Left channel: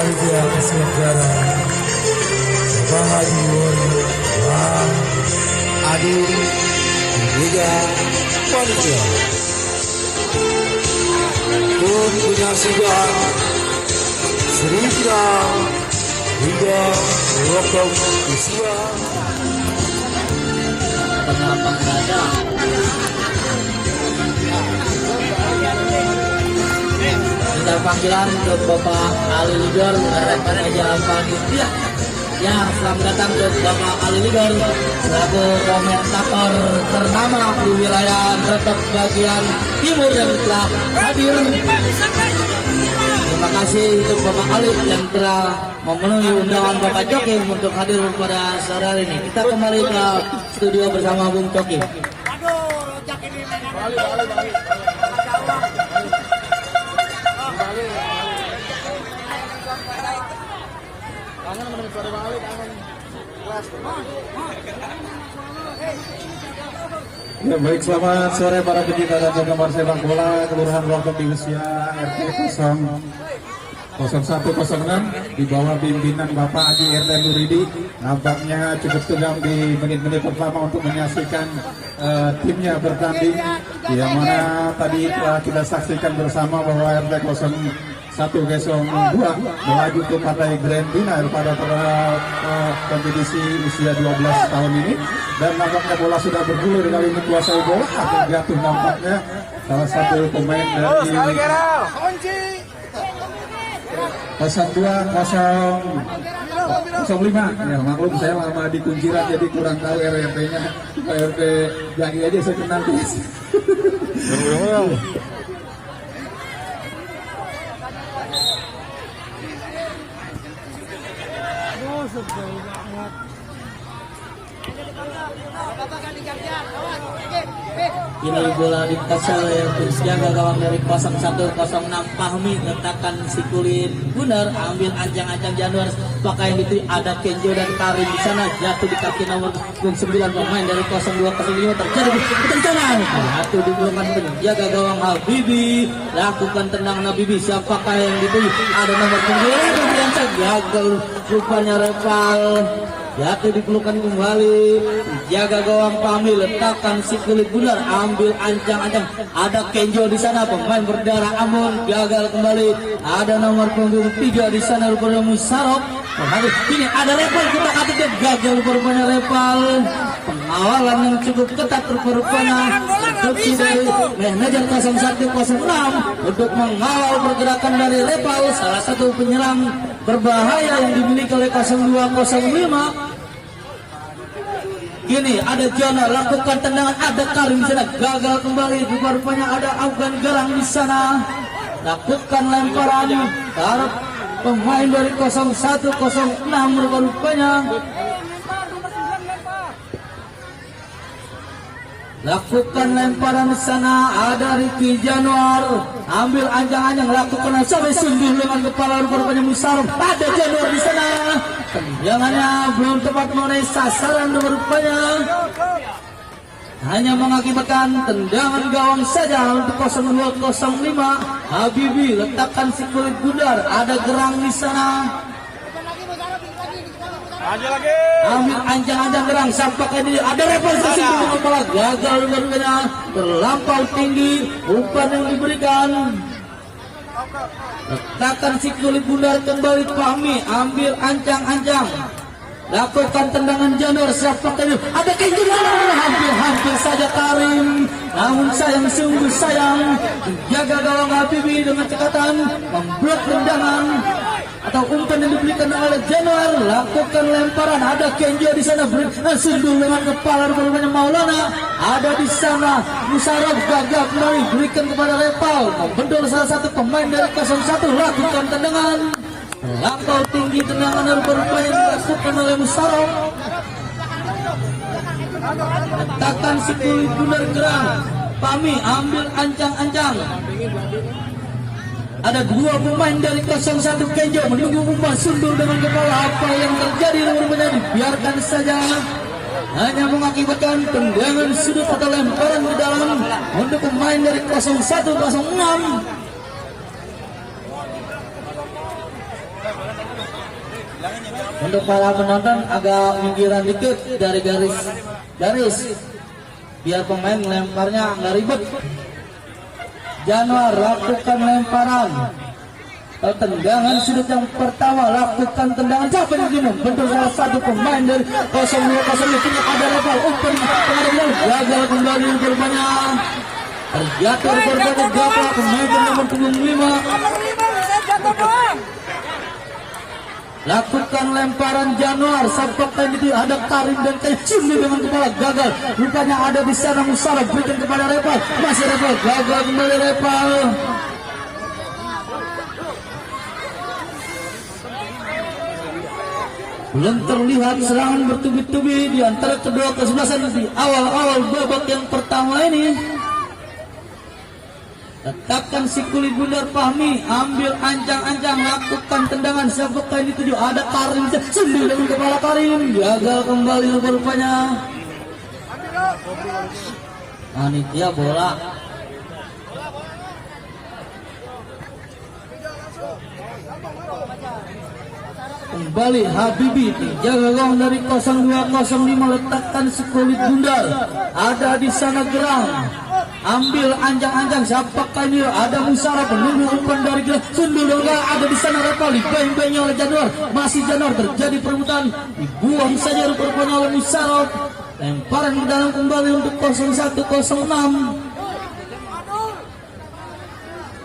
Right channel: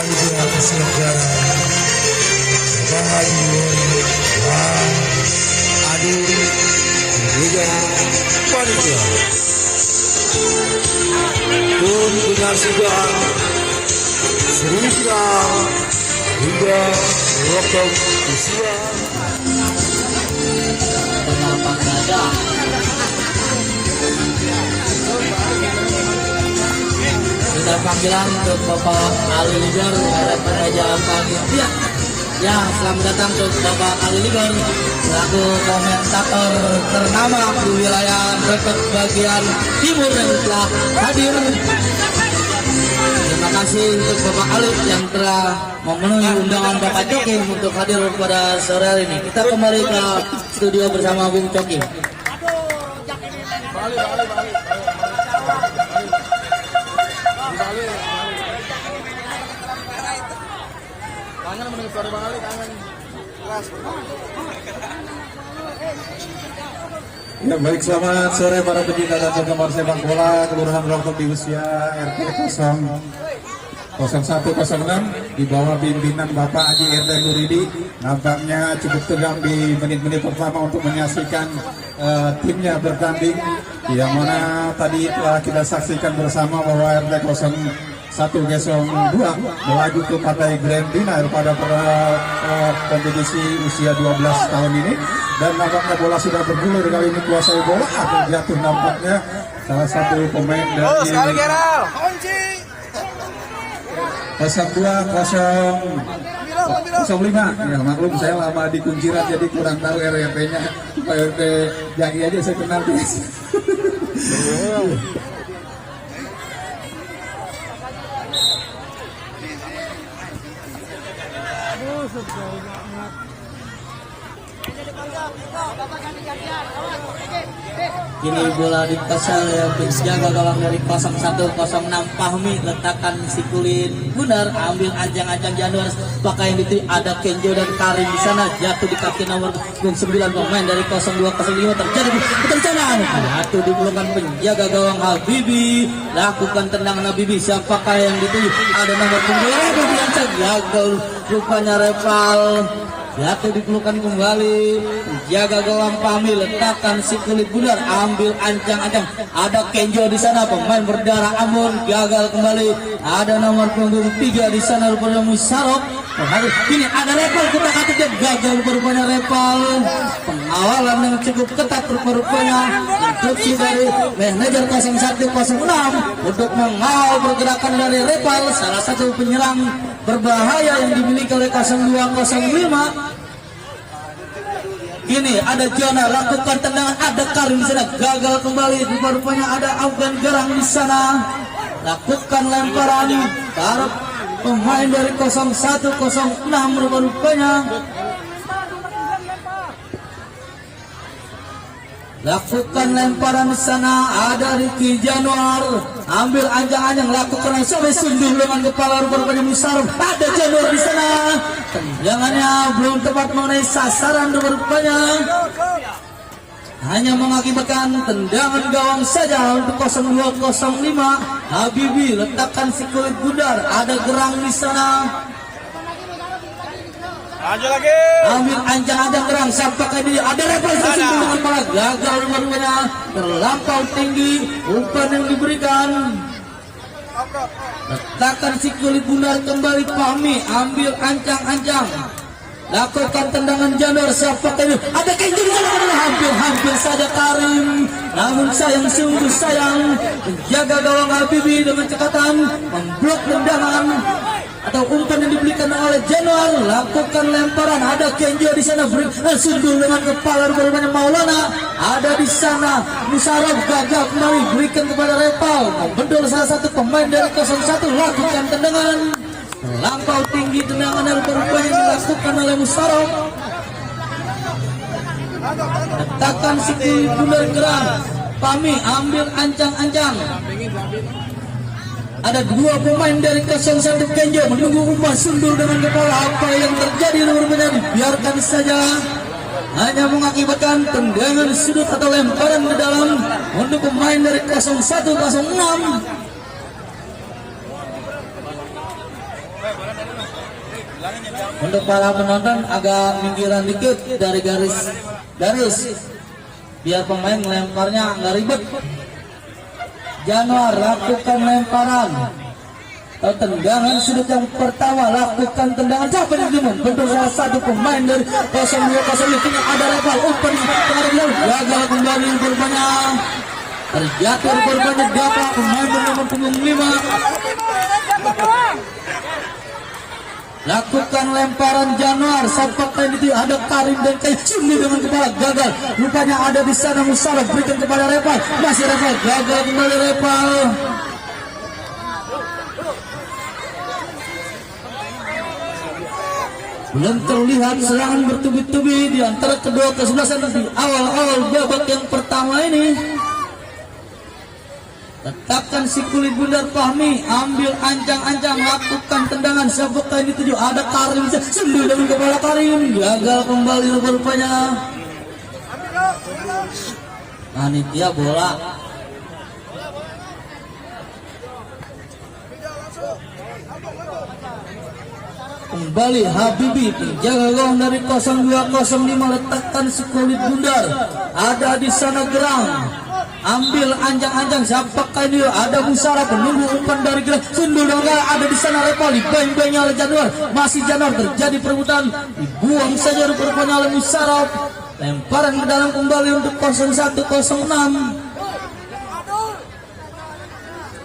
Raja Keselegara Bahadur Wah Adu Liga Panjang Kombinasinya Sriwida hingga Lokong Usia kita panggilan ke Bapak Ali Ligor pada jalan kaki ya selamat datang ke Bapak Ali Ligor selaku komentator ternama di wilayah Depok bagian timur yang telah hadir. Terima kasih untuk Bapak Ali yang telah memenuhi undangan Bapak Coki untuk hadir pada sore hari ini. Kita kembali ke studio bersama Bung Coki. Ya, baik, selamat sore para pecinta dan penggemar sepak bola Kelurahan Rokok di usia RT 0106 di bawah pimpinan Bapak Haji Erda Nuridi. Nampaknya cukup tegang di menit-menit pertama untuk menyaksikan timnya bertanding, yang mana tadi telah kita saksikan bersama bahwa RT 0102 melaju ke partai Grand Final pada kompetisi usia 12 tahun ini, dan nampaknya bola sudah bergulir kali ini kuasai bola atau jatuh nampaknya salah satu pemain dari 0205. Ya maklum saya lama di Kunciran jadi kurang tahu RT-nya. RT Jaki aja saya kenal guys. Ini bola di pasal yang dijaga gawang dari 0106 Fahmi, letakkan Sikulin Gunar, ambil ajang-ajang Januar, pakai yang itu ada Kenjo dan Karim di sana, jatuh di kaki nomor 9 pemain dari 0205 terjadi ketencangan. Satu dibulungkan penjaga gawang Habibi, lakukan tendangan Habibi, siapakah yang dituju? Ada nomor 2 yang gagal rupanya Repal. Jatuh dipelukan kembali, jaga gawang Fahmi, letakkan si kulit Gunar, ambil ancang-ancang, ada Kenjo di sana, pemain berdarah Amun, gagal kembali, ada nomor punggung 3 di sana rupanya Musarok. Ini ada Repal, kita kata dia gagal rupanya Repal. Pengawalan yang cukup ketat rupanya instruksi dari manajer 0106 untuk mengawal pergerakan dari Repal, salah satu penyerang berbahaya yang dimiliki oleh 0205. Ini ada Jana, lakukan tendangan, ada Karim di sana, gagal kembali. Rupanya ada Afgan Gerang di sana, lakukan lemparan, taruh pemain dari 0106 rupanya. Lakukan lemparan di sana, ada Ricky Januar, ambil anjang-anjang, lakukan sampai sundul dengan kepala rupanya Musarok, ada Januar di sana, tendangannya belum tepat mengenai sasaran rupanya, hanya mengakibatkan tendangan gawang saja untuk 0205. Habibi, letakkan si kulit Gunar, ada Gerang di sana. Ambil anjang-anjang Gerang, sampaikan dia, ada representasi di kepala, gagal rupanya, terlampau tinggi umpan yang diberikan. Letakkan si kulit Gunar kembali, Fahmi, ambil ancang-ancang, lakukan tendangan Januar, siapakah ini, ada Kenji, hampir saja Karim, namun sayang, sungguh sayang, menjaga gawang Habibi dengan cekatan, membuat tendangan atau umpan yang diberikan oleh Januar, lakukan lemparan, ada Kenji di sana, sundul dengan kepala rupanya Maulana, ada di sana Musarok, gagal kembali, berikan kepada Repal, membendor salah satu pemain dari 01, lakukan tendangan, lampau tinggi, tendangan rupanya dilakukan oleh Musarok, letakkan si Gunar Gerang, Fahmi, ambil ancang-ancang. Ada 2 pemain dari 01 Kenjo menunggu umpan, sundul dengan kepala, apa yang terjadi rupanya biarkan saja, hanya mengakibatkan tendangan sudut atau lemparan ke dalam untuk pemain dari 0106. Untuk para penonton agak minggiran dikit dari garis biar pemain lemparnya nggak ribet. Januar lakukan lemparan atau tendangan sudut yang pertama, lakukan tendangan siapa yang membentur salah satu pemain dari 02 kini ada rival umpan gagal kembali berbanyak terjatuh berbanyak dapat pemain bernomor 5. Lakukan lemparan Januar sampai kali itu ada Karim dan Cimli dengan kepala gagal. Rupanya ada di sana Musara berikan kepada Repal, masih Repal gagal kembali Repal. Belum terlihat serangan bertubi-tubi di antara kedua kesebelasan di awal-awal babak yang pertama ini. Tetapkan si kulit bundar Fahmi, ambil ancang-ancang, lakukan tendangan sabuk kain dituju, ada Karim sembuh dengan kepala Karim, gagal kembali rupanya. Panitia bola. Kembali Habibi, jaga gawang dari 0205, letakkan si kulit bundar, ada di sana Gerang. Ambil anjang-anjang siapakah ini, ada Musara penunggu umpan dari Gerang, sundul dongga ada di sana Repal, dibayang-bayang oleh Januar, masih Januar terjadi perebutan, dibuang saja rupanya oleh Musara, lemparan ke dalam kembali untuk 0106.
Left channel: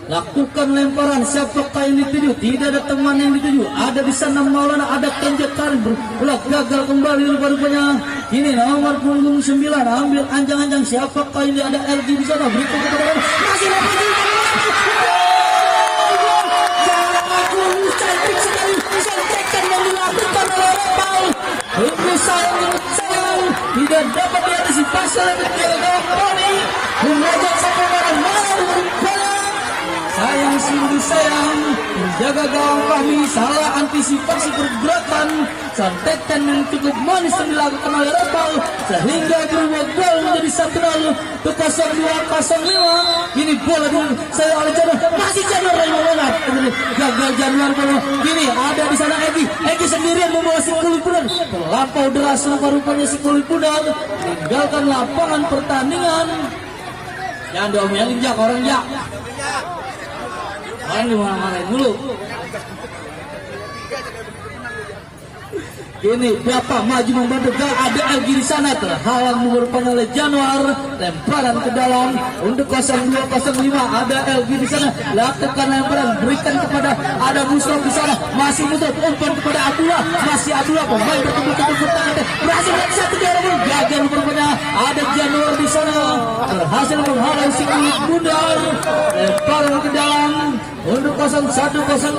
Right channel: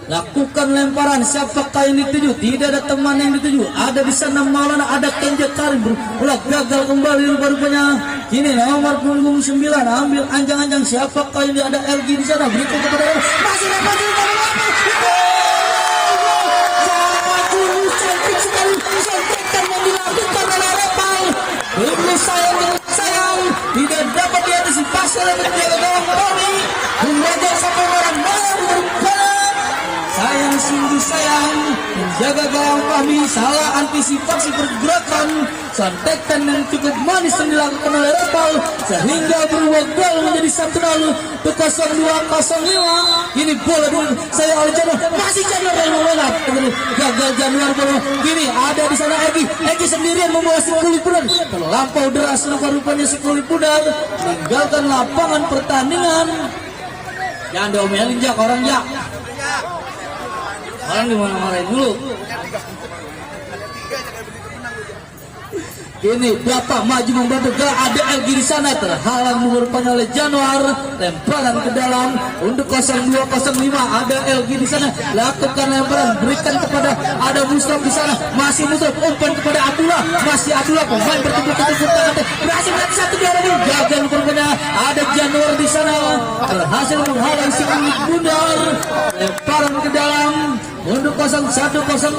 Lakukan lemparan siapakah yang dituju, tidak ada teman yang dituju, ada di sana Maulana, ada Kenja Karim, berulah gagal kembali rupanya. Ini nomor 9 ambil anjang-anjang siapakah ini, ada LG di sana berikan kepada masih dapat cantik sekali sontekan yang dilakukan oleh Repal. Ini sayang tidak dapat diantisipasi oleh penjaga gawang kami, mengajak sampai mana sayang sungguh sayang, menjaga gawang Fahmi salah antisipasi pergerakan, sontekan yang cukup manis yang dilakukan oleh Repal sehingga berubah gol menjadi 1-0 ke 0205. Ini bola saya oleh Januar, masih Januar yang menolak, gagal Januar. Kini ada di sana Egi sendirian membawa si kulit pudar, terlampau deras rupanya si kulit pudar, meninggalkan lapangan pertandingan. Jangan diomelin Jak, orang Jak. Orang dimarahin dulu. Ini Bapak maju membantu, ada LG di sana terhalang rupanya oleh Januar, lemparan ke dalam untuk 0205, ada LG di sana, lakukan lemparan berikan kepada ada Musraf di sana, masih Musraf umpan kepada Abdullah, masih Abdullah pemain bertumpuk-tumpuk tangan, berhasil satu orang gagal rupanya, ada Januar di sana berhasil menghalang si kulit bundar, lemparan ke dalam untuk 0106.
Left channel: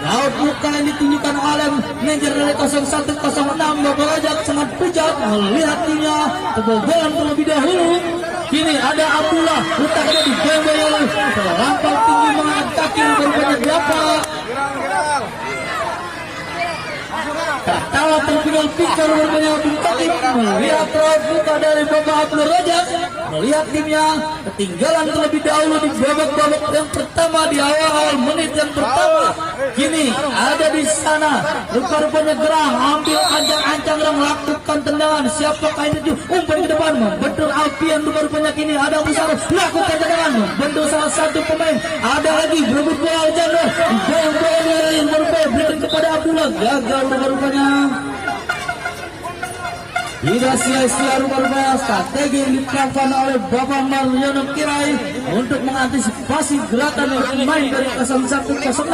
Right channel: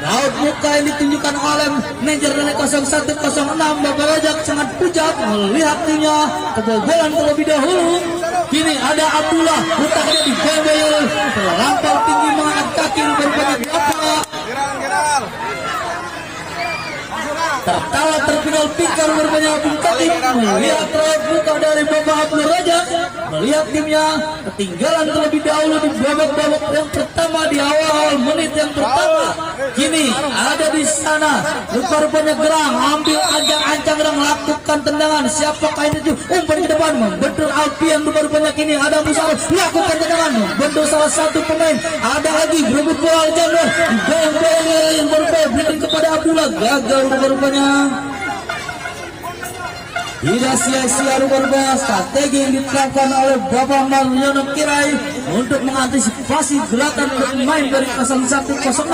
Laut muka yang ditunjukkan oleh manajer dari 0106 Bapak Rojak sangat pucat melihat timnya kebobolan terlebih dahulu. Kini ada Abdullah, letaknya di gembel, terlampau tinggi mengangkat kaki berbanyak berapa. Pertama terpinggul pikir berbanyak bintang, melihat laut muka dari Bapak Abdul Rojak, melihat timnya ketinggalan terlebih dahulu di babak-babak yang pertama di awal menit yang pertama. Kini ada di sana rupanya Gerang, ambil ancang-ancang Gerang, lakukan tendangan siapakah ini umpan ke depan membentur Alfian, rupanya kini ada Musara, lakukan tendangan membentur salah satu pemain, ada lagi berebut bola Januar, berikan kepada Abdullah, gagal rupanya. Tidak sia-sia rupanya strategi yang diterapkan oleh Bapak Mariono Kirai untuk mengantisipasi gerakan pemain dari 0106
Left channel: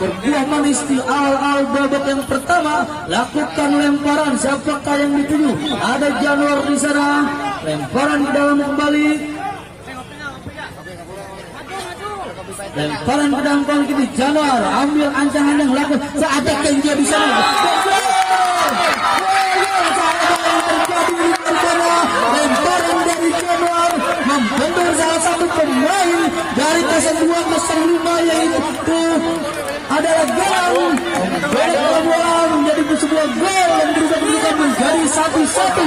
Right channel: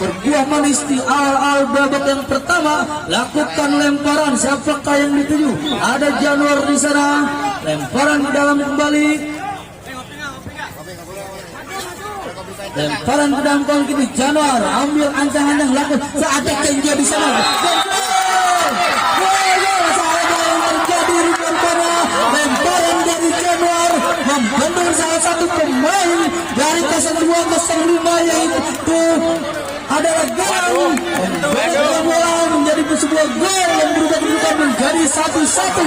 berbuah manis di awal-awal babak yang pertama. Lakukan lemparan siapakah yang dituju, ada Januar di sana, lemparan ke dalam kembali, lemparan ke dalam kembali. Januar ambil ancang-ancang, lakukan saat Kenja di sana. Lemparan dari Januar membentur salah satu pemain dari 0205 yaitu adalah Gerang, membedakan bola menjadi sebuah gol yang berubah menjadi 1-1.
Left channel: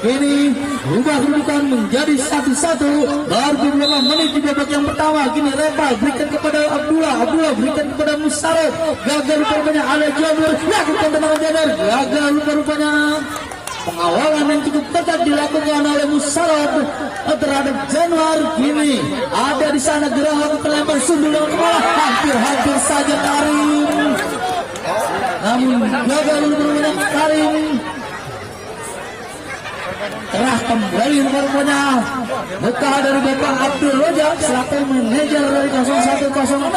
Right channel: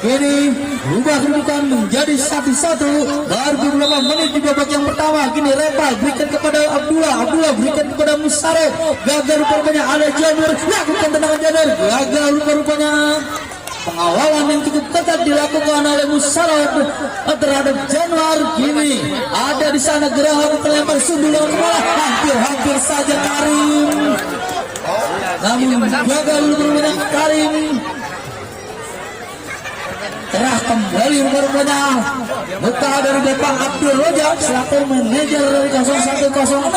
Kini ubah kedudukan menjadi 1-1. Baru beberapa menit di babak yang pertama. Kini Reva berikan kepada Abdullah berikan kepada Musarif. Gagal rupanya ada Januar. Lakukan tendangan Januar. Gagal rupanya. Pengawalan yang cukup ketat dilakukan oleh Musarif terhadap Januar. Kini ada di sana gerakan kelempar sundulan bola. Hampir saja Karim. Namun gagal rupanya Karim. Terah kembali rupanya buka dari Bapak Abdul Rojak selaku manajer dari 0106.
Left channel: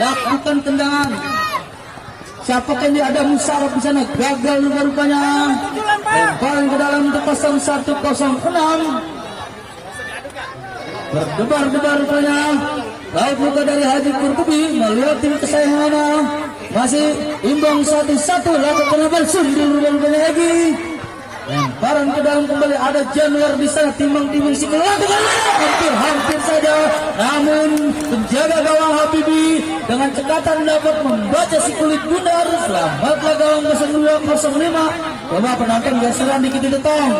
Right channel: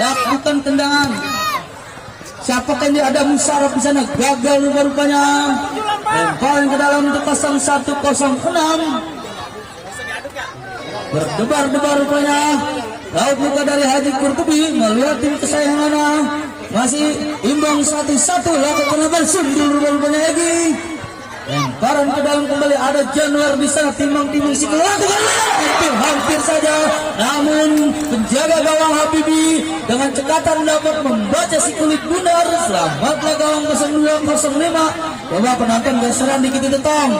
Lakukan tendangan. Siapakah dia ada Musarif di sana? Gagal rupanya. Lemparan ke dalam untuk 0106. Berdebar rupanya. Laut muka dari Haji Kurtubi melihat tim kesayangannya masih imbang 1-1. Lakukan lebar sundul rupanya lagi. Lemparan ke dalam kembali ada Januar di sana timbang-timbang si hampir saja. Namun penjaga gawang Habibi dengan cekatan dapat membaca si kulit bundar. Selamatlah gawang 0205. Coba penonton geseran dikit itu Tong.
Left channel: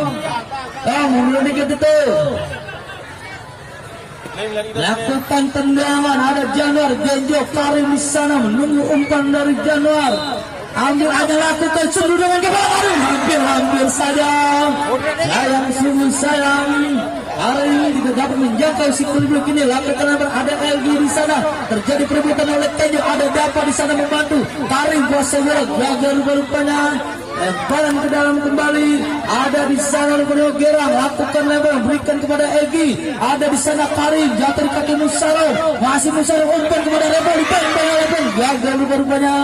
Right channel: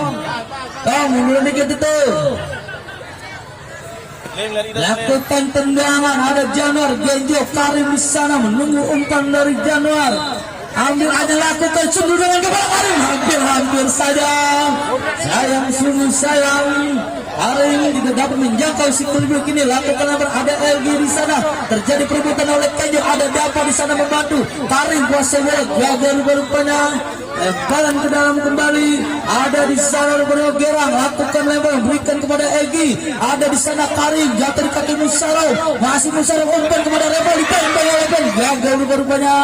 Mundur dikit itu. Lakukan tendangan ada Januar. Genjo Karim di sana menunggu umpan dari Januar. Ambil ada lakukan sundul dengan kepala. Hampir saja. Sayang. Hari ini tidak dapat menjangkau si Kulibuk ini. Lakukan ada LG di sana. Terjadi perebutan oleh Kenjo. Ada Dapa di sana membantu. Karim kuasa bola. Gagal rupanya. Lemparan ke dalam kembali. Ada di sana rupanya Gerang. Lakukan lemparan. Berikan kepada Egi. Ada di sana Karim. Jatuh di kaki Musarif. Masih Musarif umpan kepada Rebel. Gagal rupanya.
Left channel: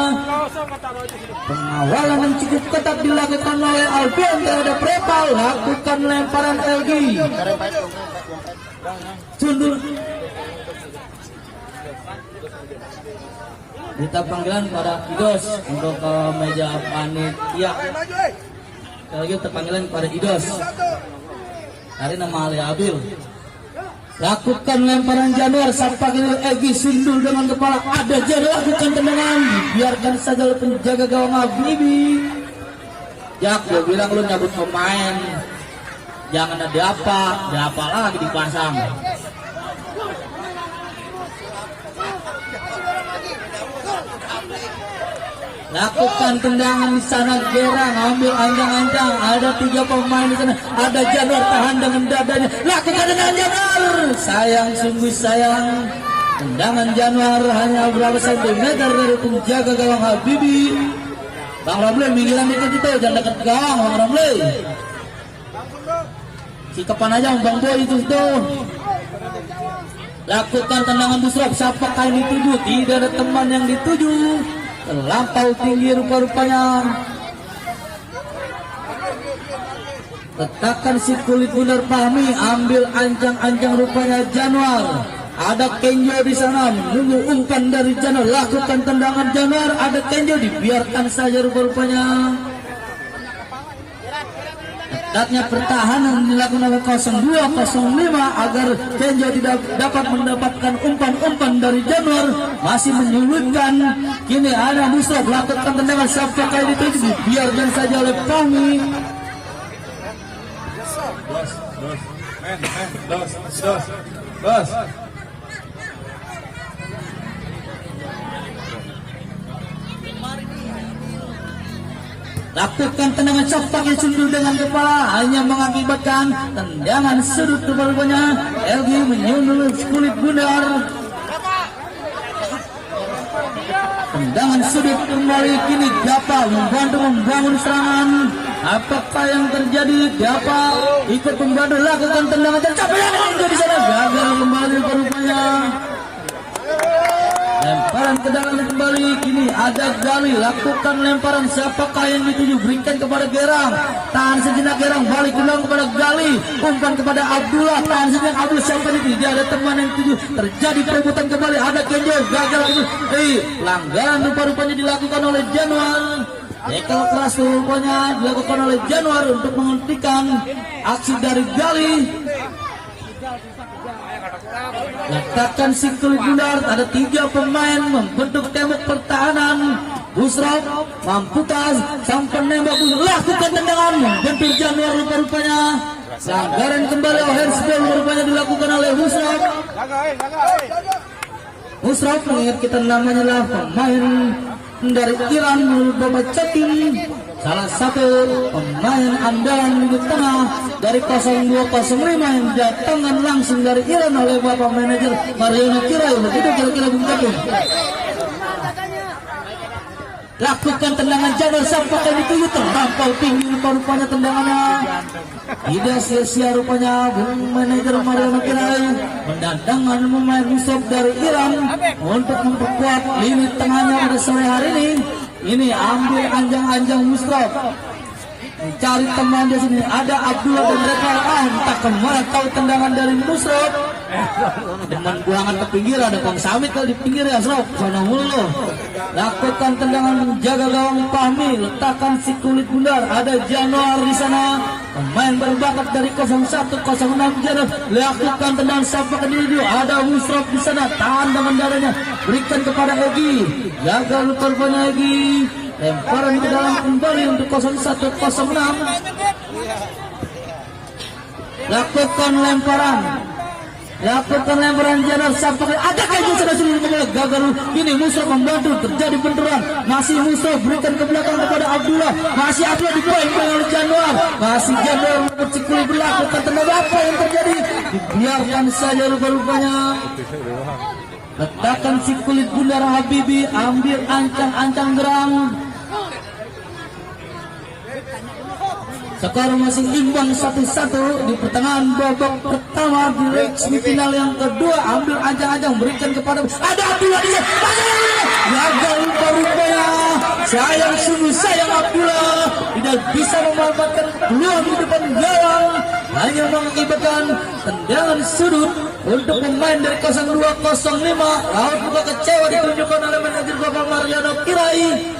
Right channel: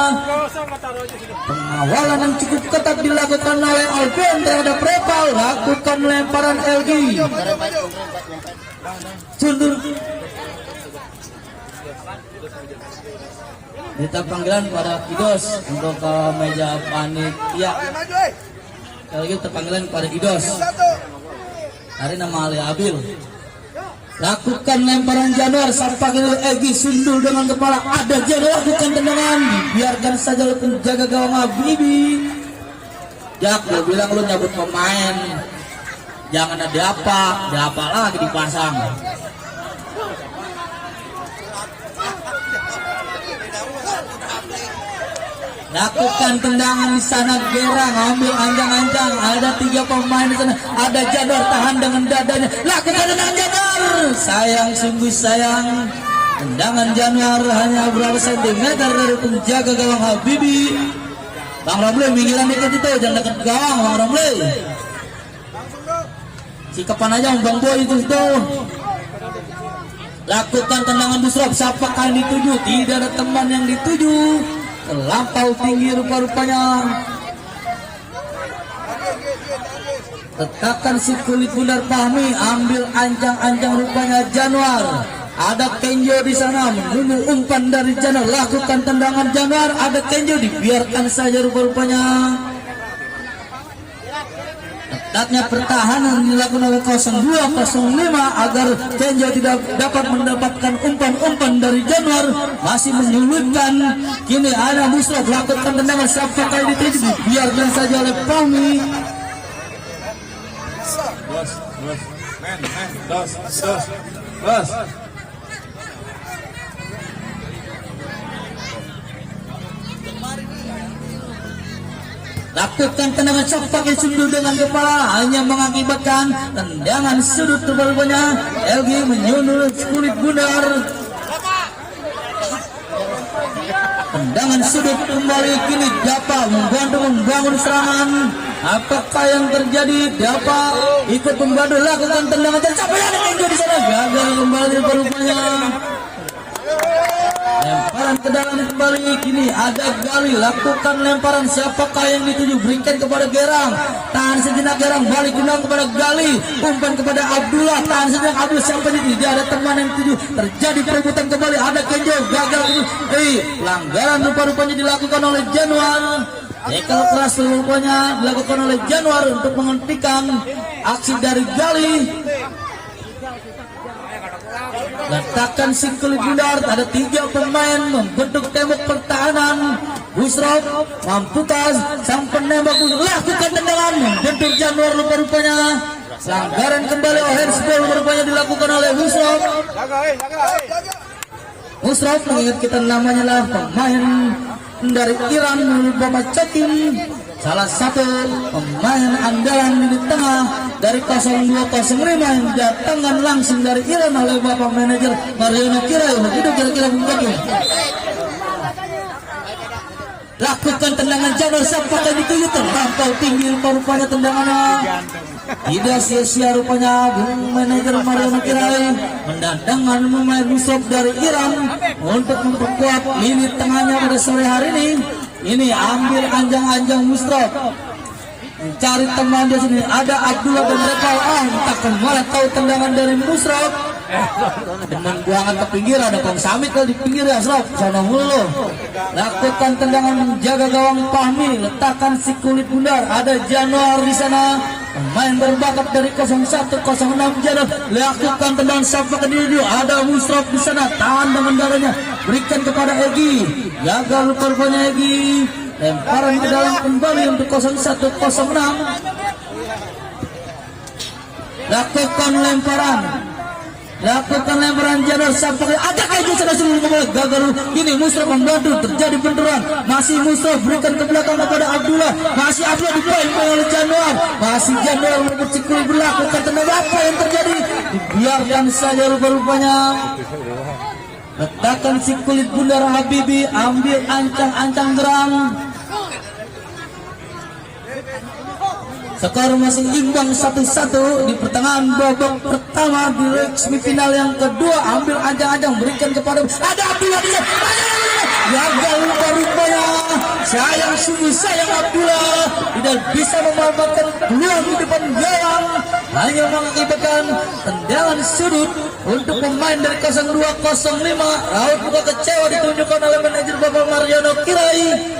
Pengawalan yang cukup ketat dilakukan oleh Alvin terhadap Rebel. Lakukan lemparan Egi. Sundul. Minta panggilan pada Idos untuk ke meja panitia. Kalau gitu panggilan pada Idos. Hari nama Ali Abil. Lakukan lemparan Januar. Saat pagi Egi sundul dengan kepala. Ada Januar. Lakukan tendangan. Biarkan saja penjaga gawang Habibi. Jak, dia bilang lu nyabut pemain. Jangan ada apa lagi dipasang. Lakukan tendangan di sana Gerang ambil anjang-anjang. Ada 3 pemain di sana. Ada Januar tahan dengan dadanya. Lakukan tendangan Januar. Sayang, sungguh sayang. Tendangan Januar hanya berapa sentimeter dari penjaga gawang Habibi. Bang Ramli minggiran dikit itu, jangan dekat gawang Bang Ramli. Sikapan aja Bang Boy itu. Lakukan tendangan busrap. Siapa kali dituju? Tidak ada teman yang dituju. Terlampau tinggi rupa-rupanya. Letakkan si kulit bundar Fahmi. Ambil ancang-ancang rupanya Januar. Ada Kenjo di sana menunggu umpan dari Januar. Lakukan tendangan Januar. Ada Kenjo, dibiarkan saja rupa-rupanya. Ketatnya pertahanan dilakukan oleh 0205 agar Kenjo tidak dapat mendapatkan umpan-umpan dari Januar. Masih menyulitkan. Kini ada Musraf. Lakukan tendangan sampai kali dituju. Dibiarkan saja oleh Fahmi. Dos. Lakukan tendangan shot pakai sundul dengan kepala hanya mengakibatkan tendangan sudut rupanya. LG menyundul kulit bundar. Tendangan sudut kembali kini Dapa membantu membangun serangan. Apakah yang terjadi? Dapa ikut membantu lakukan tendangan tercapai yang di sana gagal kembali rupanya. Lemparan ke dalam kembali kini ada Gali. Lakukan lemparan siapakah yang dituju? Berikan kepada Gerang. Tahan sejenak Gerang. Balik ulang kepada Gali. Umpan kepada Abdullah. Tahan sejenak Abdul. Siapa ini? Tidak ada teman yang dituju. Terjadi perebutan kembali. Ada Kenjo. Gagal. Pelanggaran rupa-rupanya dilakukan oleh Januar. Tackle keras rupanya dilakukan oleh Januar untuk menghentikan aksi dari Gali. Letakkan si kulit bundar. Ada 3 pemain membentuk tembok pertahanan. Musraf mampukas sang penembak lakukan tendangan bentur Januar rupa-rupanya pelanggaran kembali handsball rupanya dilakukan oleh Musraf. Musraf mengingat kita namanya lah pemain dari Iran Bapak Cokim, salah satu pemain andalan di tengah dari 0205 yang datangkan langsung dari Iran oleh Bapak manajer Mariono Kirai. Begitu kira-kira begitu. Lakukan tendangan Januar sampai itu terlampau tinggi rupanya tendangannya. Tidak sia-sia rupanya manajer Mariono Kirai mendatangkan pemain Musraf dari Iran untuk memperkuat lini tengahnya pada sore hari ini. Ini ambil anjang-anjang Musraf, mencari teman di sini. Ada Abdullah dan Rekal. Takkan malah tahu tendangan dari Musraf. Teman buangan ke pinggir, ada Kang Samit kalau di pinggir ya Musraf. Sana mulu. Lakukan tendangan menjaga gawang Fahmi, letakkan si kulit bundar. Ada Januar di sana. Pemain berbakat dari 0106 Januar. Lakukan tendangan sampai ke diri. Ada Musraf di sana. Tahan dengan darahnya. Berikan kepada Egi. Gagal rupanya Egi. Lemparan ke dalam kembali untuk 0106. Lakukan lemparan Januar sampai ada keju sudah seluruh gagal. Ini Musraf membantu terjadi benturan. Masih Musraf berikan ke belakang kepada Abdullah. Masih Abdullah dipoin oleh Januar. Masih Januar bercikli berlakukan tenaga. Apa yang terjadi? Dibiarkan saja rupanya. Letakkan si kulit bundar Habibi, ambil ancang-ancang gerang. Skor masih imbang 1-1 di pertengahan babak pertama di leg semifinal yang kedua. Ambil ancang-ancang berikan kepada ada Abdullah dia. Gagal rupanya. Sayang sungguh sayang Abdullah tidak bisa memanfaatkan peluang di depan gawang. Hanya mengakibatkan tendangan sudut untuk pemain dari 0205. Raut muka kecewa ditunjukkan oleh manajer Bapak Mariono Kirai.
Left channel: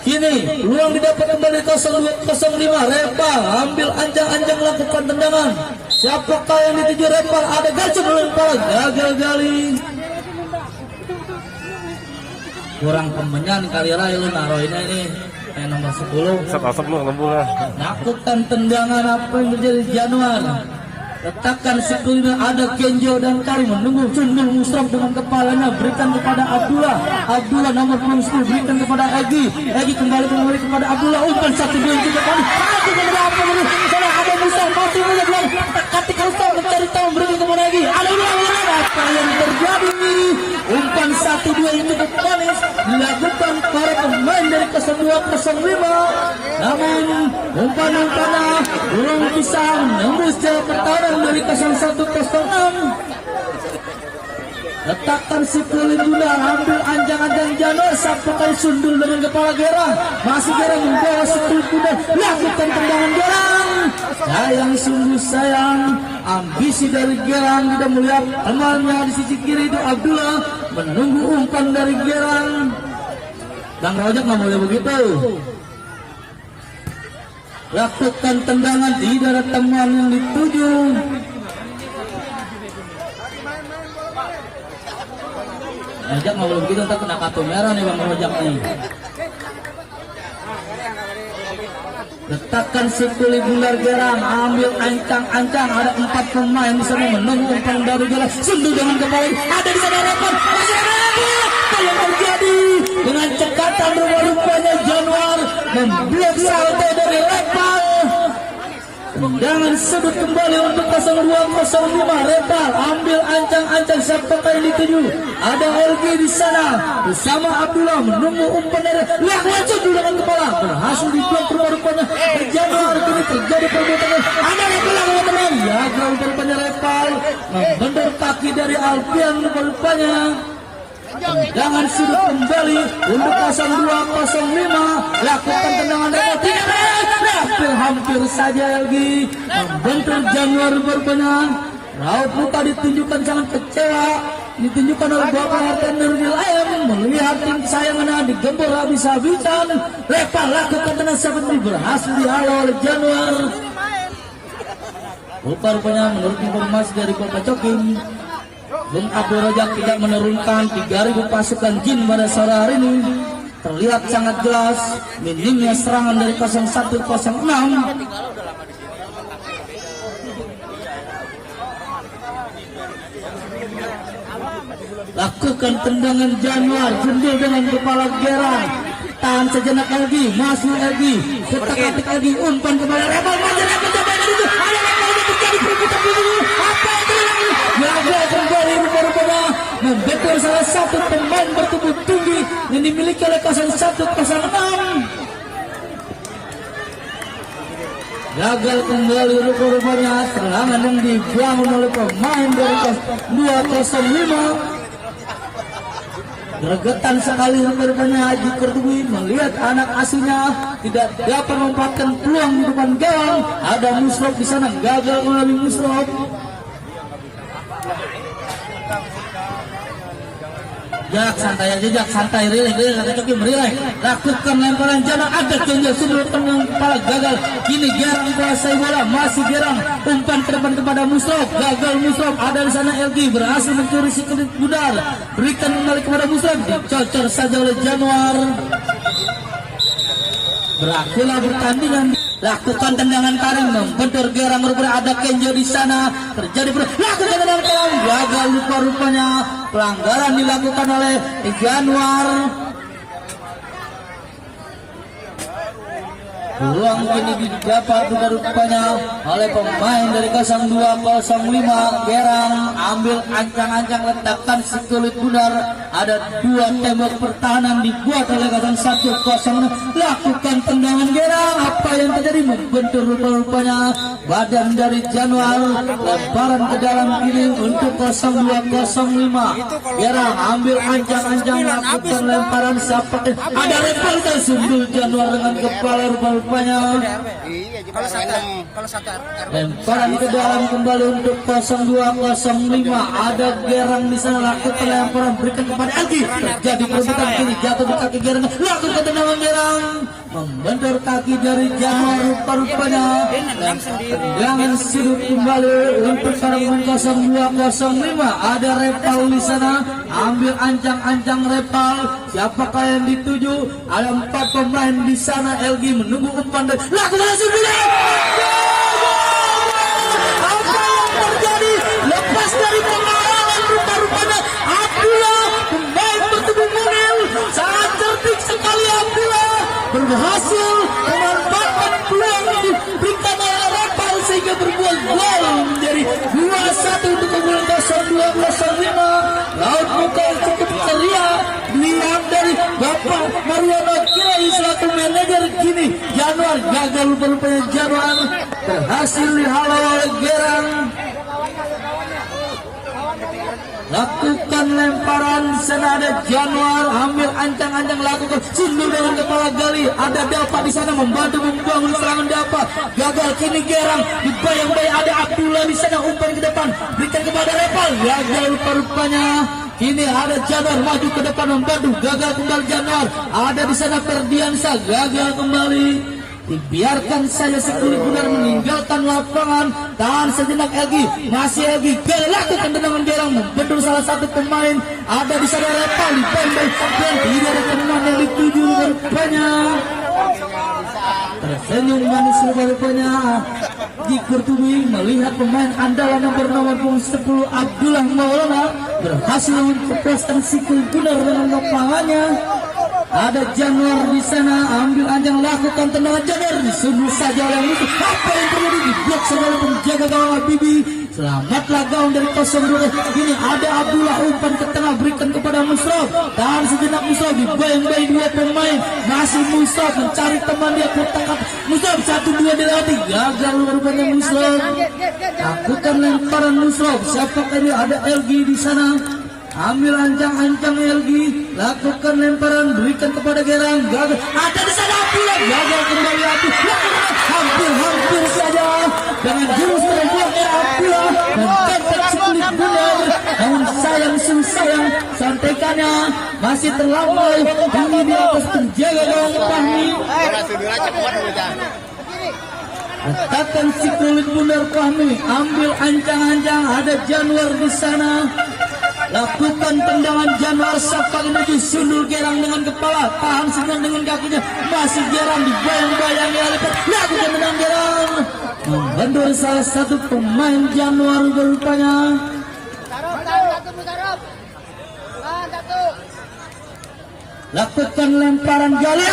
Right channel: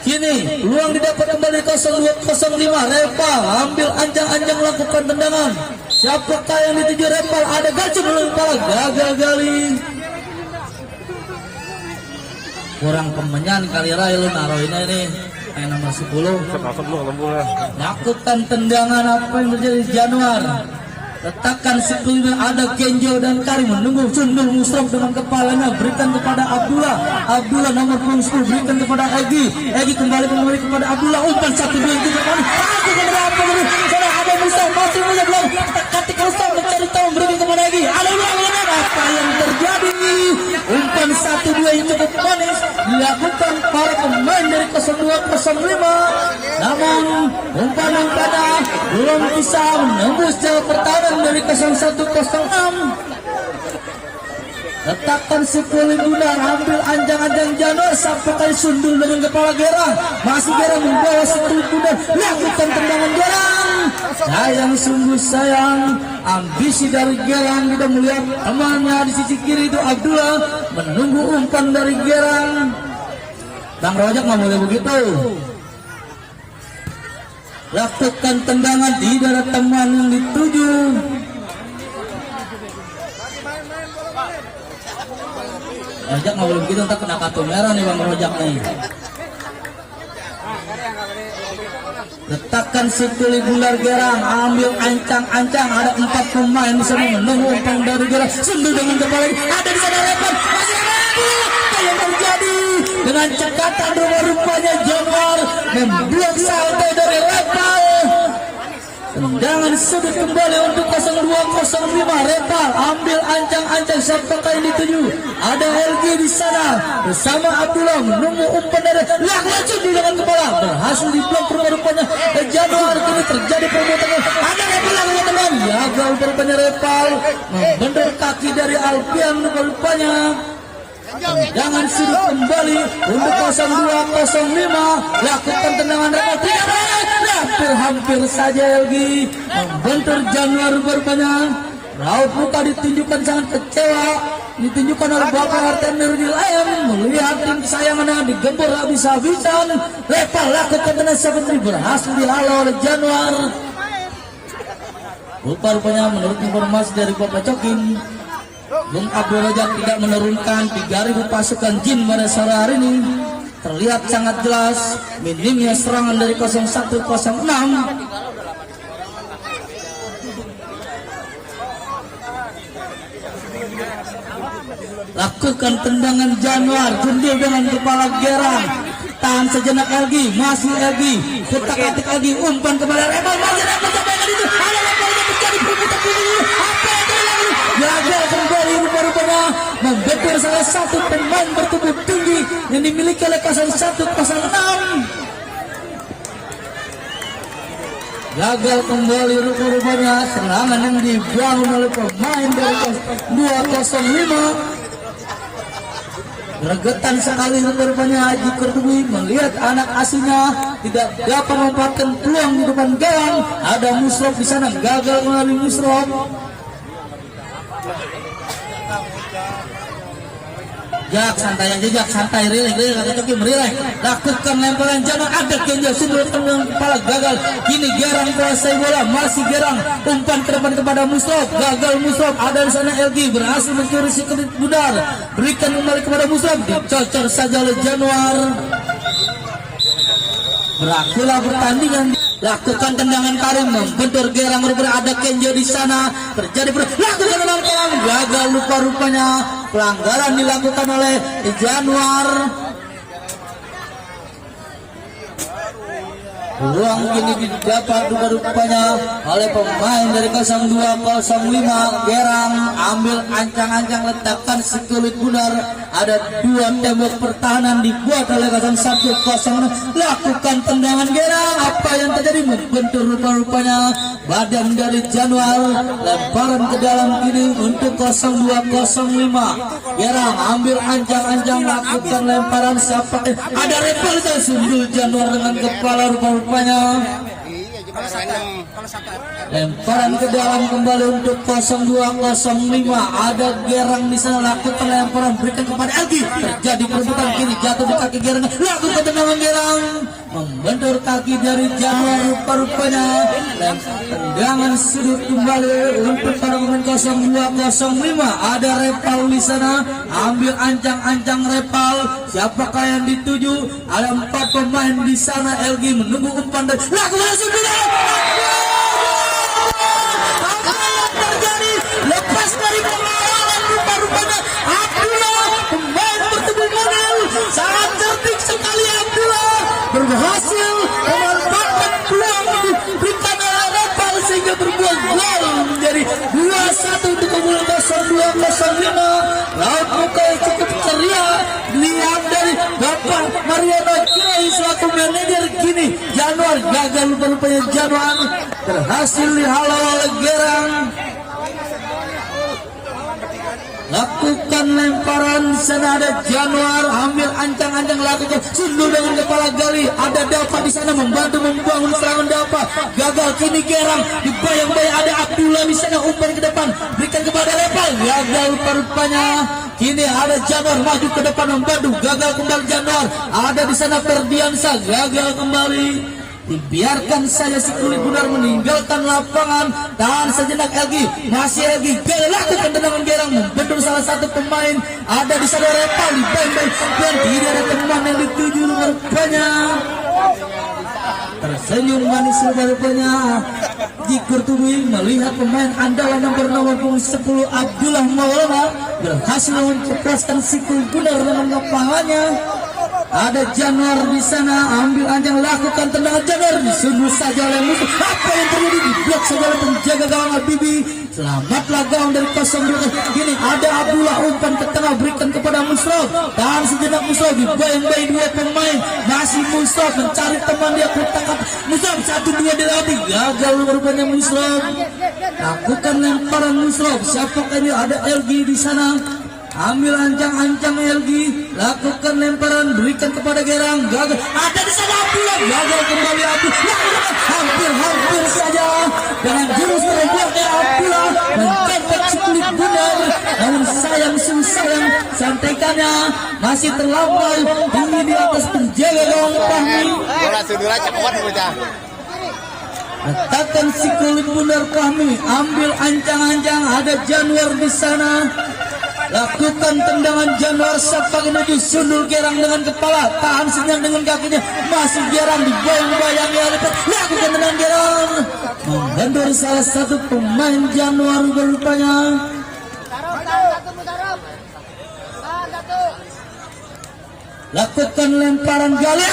Kini peluang didapat kembali 0205. Repal ambil anjang-anjang lakukan tendangan. Siapakah yang dituju Repal? Ada Garcu melempar, gagal gali. Kurang kemenyan kali Rail naruhnya ini main nomor 10. Lakukan tendangan apa yang terjadi Januar. Letakkan sekelilingnya ada Kenjo dan Karim menunggu Sundul Musraf dengan kepalanya berikan kepada Abdullah. Abdullah nomor 10 berikan kepada Egi. Egi kembali kepada Abdullah. Umpan 1 2 3 kali. Ada Musraf masih belum ketika Musraf mencari tahu berikan kepada Egi. Ada apa yang terjadi? Umpan 1 2 yang cukup manis dilakukan para pemain dari 0205. Namun umpan-umpannya belum bisa menembus jauh pertahanan dari 0106. Letakkan sekali bundar, ambil anjang-anjang Januar sampai kali Sundul dengan kepala Gerang. Masih Gerang membawa sekali bundar, lakukan tendangan Gerang. Sayang sungguh sayang, ambisi dari Gerang tidak melihat temannya di sisi kiri itu Abdullah menunggu umpan dari Gerang. Bang Rojak nggak boleh begitu. Lakukan tendangan tidak ada teman yang dituju. Rojak nggak boleh begitu, tak kena kartu merah nih Bang Rojak nih. Letakkan sekali bundar Gerang, ambil ancang-ancang. Ada 4 pemain di sana menunggu umpan dari Gerang. Sundul dengan kepala, ada di sana Repal. Apa yang terjadi? Dengan cekatan rupanya Januar memblok salto dari Repal. Tendangan sudut kembali untuk 0205. Repal ambil ancang-ancang siapakah yang dituju? Ada LG di sana bersama Abdullah menunggu umpan dari langsung dengan kepala berhasil diblok rupanya Januar. Kini terjadi perbuatan ada Repal yang tenang gagal rupanya Repal membendor kaki dari Alfian rupanya. Tendangan sudut kembali untuk 0205. Lakukan tendangan Repal tidak hampir saja lagi membentur Januar rupanya. Raut muka ditunjukkan sangat kecewa ditunjukkan oleh Bapak Arten Nurdin Ayam melihat tim kesayangannya digembor habis-habisan. Repal lakukan tendangan seperti berhasil dihalau oleh Januar. Rupanya menurut informasi dari Bapak Cokim, Bung Abdul Rojak tidak menurunkan 3.000 pasukan jin pada sore hari ini. terlihat sangat jelas minimnya serangan dari 0106. Lakukan tendangan Januar, jendil dengan kepala Gerang, tahan sejenak lagi, masih lagi, ketak-ketik lagi, umpan kepada Rebel, masih lagi, coba itu, ayo lagi, terjadi perbuatan ini, apa yang terjadi? Gagal kembali berbeda, membentur salah satu pemain bertubuh tinggi yang dimiliki oleh 0106. Gagal kembali rupanya serangan yang dibangun oleh pemain dari 205. Gregetan sekali rupanya Haji Kurtubi melihat anak asingnya tidak dapat memanfaatkan peluang di depan gawang. Ada Musrof di sana, gagal kembali Musrof. Jak santai, relax. Lakukan lemparan jana, ada Kenjo sumber tenang kepala gagal. Kini Gerang kuasai bola, masih Gerang umpan ke depan kepada Musrof, gagal Musrof. Ada di sana LG berhasil mencuri Sikulit Budar, berikan kembali kepada Musrof, dicocor saja oleh Januar. Berakhirlah pertandingan. Lakukan tendangan Karim, membentur Gerang, rupanya ada Kenjo di sana. Terjadi lakukan tendangan Karim, gagal rupanya. Pelanggaran dilakukan oleh Januar. Peluang ini didapat rupanya oleh pemain dari 0205. Gerang ambil ancang-ancang, letakkan Sikulit Budar. Ada dua tembok pertahanan dibuat oleh 0106. Lakukan tendangan Gerang. Apa yang terjadi? Membentur rupanya badan dari Januar. Lemparan ke dalam kiri untuk 0205. Gerang ambil ancang-ancang, lakukan lemparan. Siapa? Ada repel sundul Januar dengan kepala rupanya. Lemparan ke dalam kembali untuk 0205. Ada Gerang di sana, lakukan lemparan, berikan kepada Elgi. Terjadi perebutan kiri, jatuh di kaki Gerang. Lakukan tendangan Gerang, membentur kaki dari Januar rupanya. Tendangan sudut kembali untuk para pemain 0205. Ada Repal di sana, ambil ancang-ancang Repal. Siapakah yang dituju? Ada 4 pemain di sana. LG menunggu umpan dan lakukan sebuah. Apa yang terjadi? Lepas dari pengawalan rupanya Abdullah, pemain bertubuh model, sangat cerdik sekali Abdullah, berhasil memanfaatkan peluang diberikan oleh Repal sehingga berbuah gol menjadi 2-1 untuk keunggulan 0205. Laut muka cukup ceria dilihat dari Bapak Mariono Kilai selaku manajer. Kini Januar gagal, rupanya Januar berhasil dihalau oleh Gerang. Lakukan lemparan, sana ada Januar, ambil ancang-ancang, lakukan sundul dengan kepala gali. Ada Dapa di sana membantu membangun serangan Dapa. Gagal, kini Gerang dibayang-bayang, ada Abdullah di sana, umpan ke depan, berikan kepada Repal, gagal rupanya. Kini ada Januar maju ke depan membantu, gagal kembali Januar. Ada di sana Ferdiansa, gagal kembali. Dibiarkan saja Sikulit Budar meninggalkan lapangan. Tahan sejenak lagi, masih lagi lakukan tendangan Gerang, membentur salah satu pemain. Ada di sana Repal, dibayang-bayang dan tidak ada teman yang dituju rupanya. Tersenyum manis rupanya Jikur Tubi melihat pemain andalan nomor 10 Abdullah Maulana berhasil mencepaskan Sikulit Budar dengan lapangannya. Ada Januar di sana, ambil anjang, lakukan tendangan Januar, disundul saja oleh musuh. Apa yang terjadi? Diblok saja oleh penjaga gawang Bibi. Selamatlah gawang dari 02. Kini ada Abdullah, umpan ke tengah, berikan kepada Musrof. Tahan sejenak Musrof, dibayang-bayang dua pemain. Masih Musrof mencari teman, dia bertangkap Musrof, 1-2 dilatih, gagal rupanya Musrof. Lakukan lemparan Musrof. Siapakah ini? Ada LG di sana. Ambil ancang-ancang LG, lakukan lemparan, berikan kepada Gerang, gagal. Ada di sana Abdullah, gagal kembali Abdullah. Hampir saja dengan jurus terbuatnya Abdullah mencapai Sikulit Budar. Namun sayang, sampaikannya masih terlampau tinggi di atas penjaga gawang Fahmi. Letakkan Sikulit Budar Fahmi, ambil ancang-ancang, ada Januar di sana. Lakukan tendangan Januar Sapa menuju sundul Gerang dengan kepala, tahan senyap dengan kakinya, masih Gerang dibayang-bayang oleh lakukan tendangan Gerang, menghendur salah satu pemain Januar berupaya. Lakukan lemparan gali,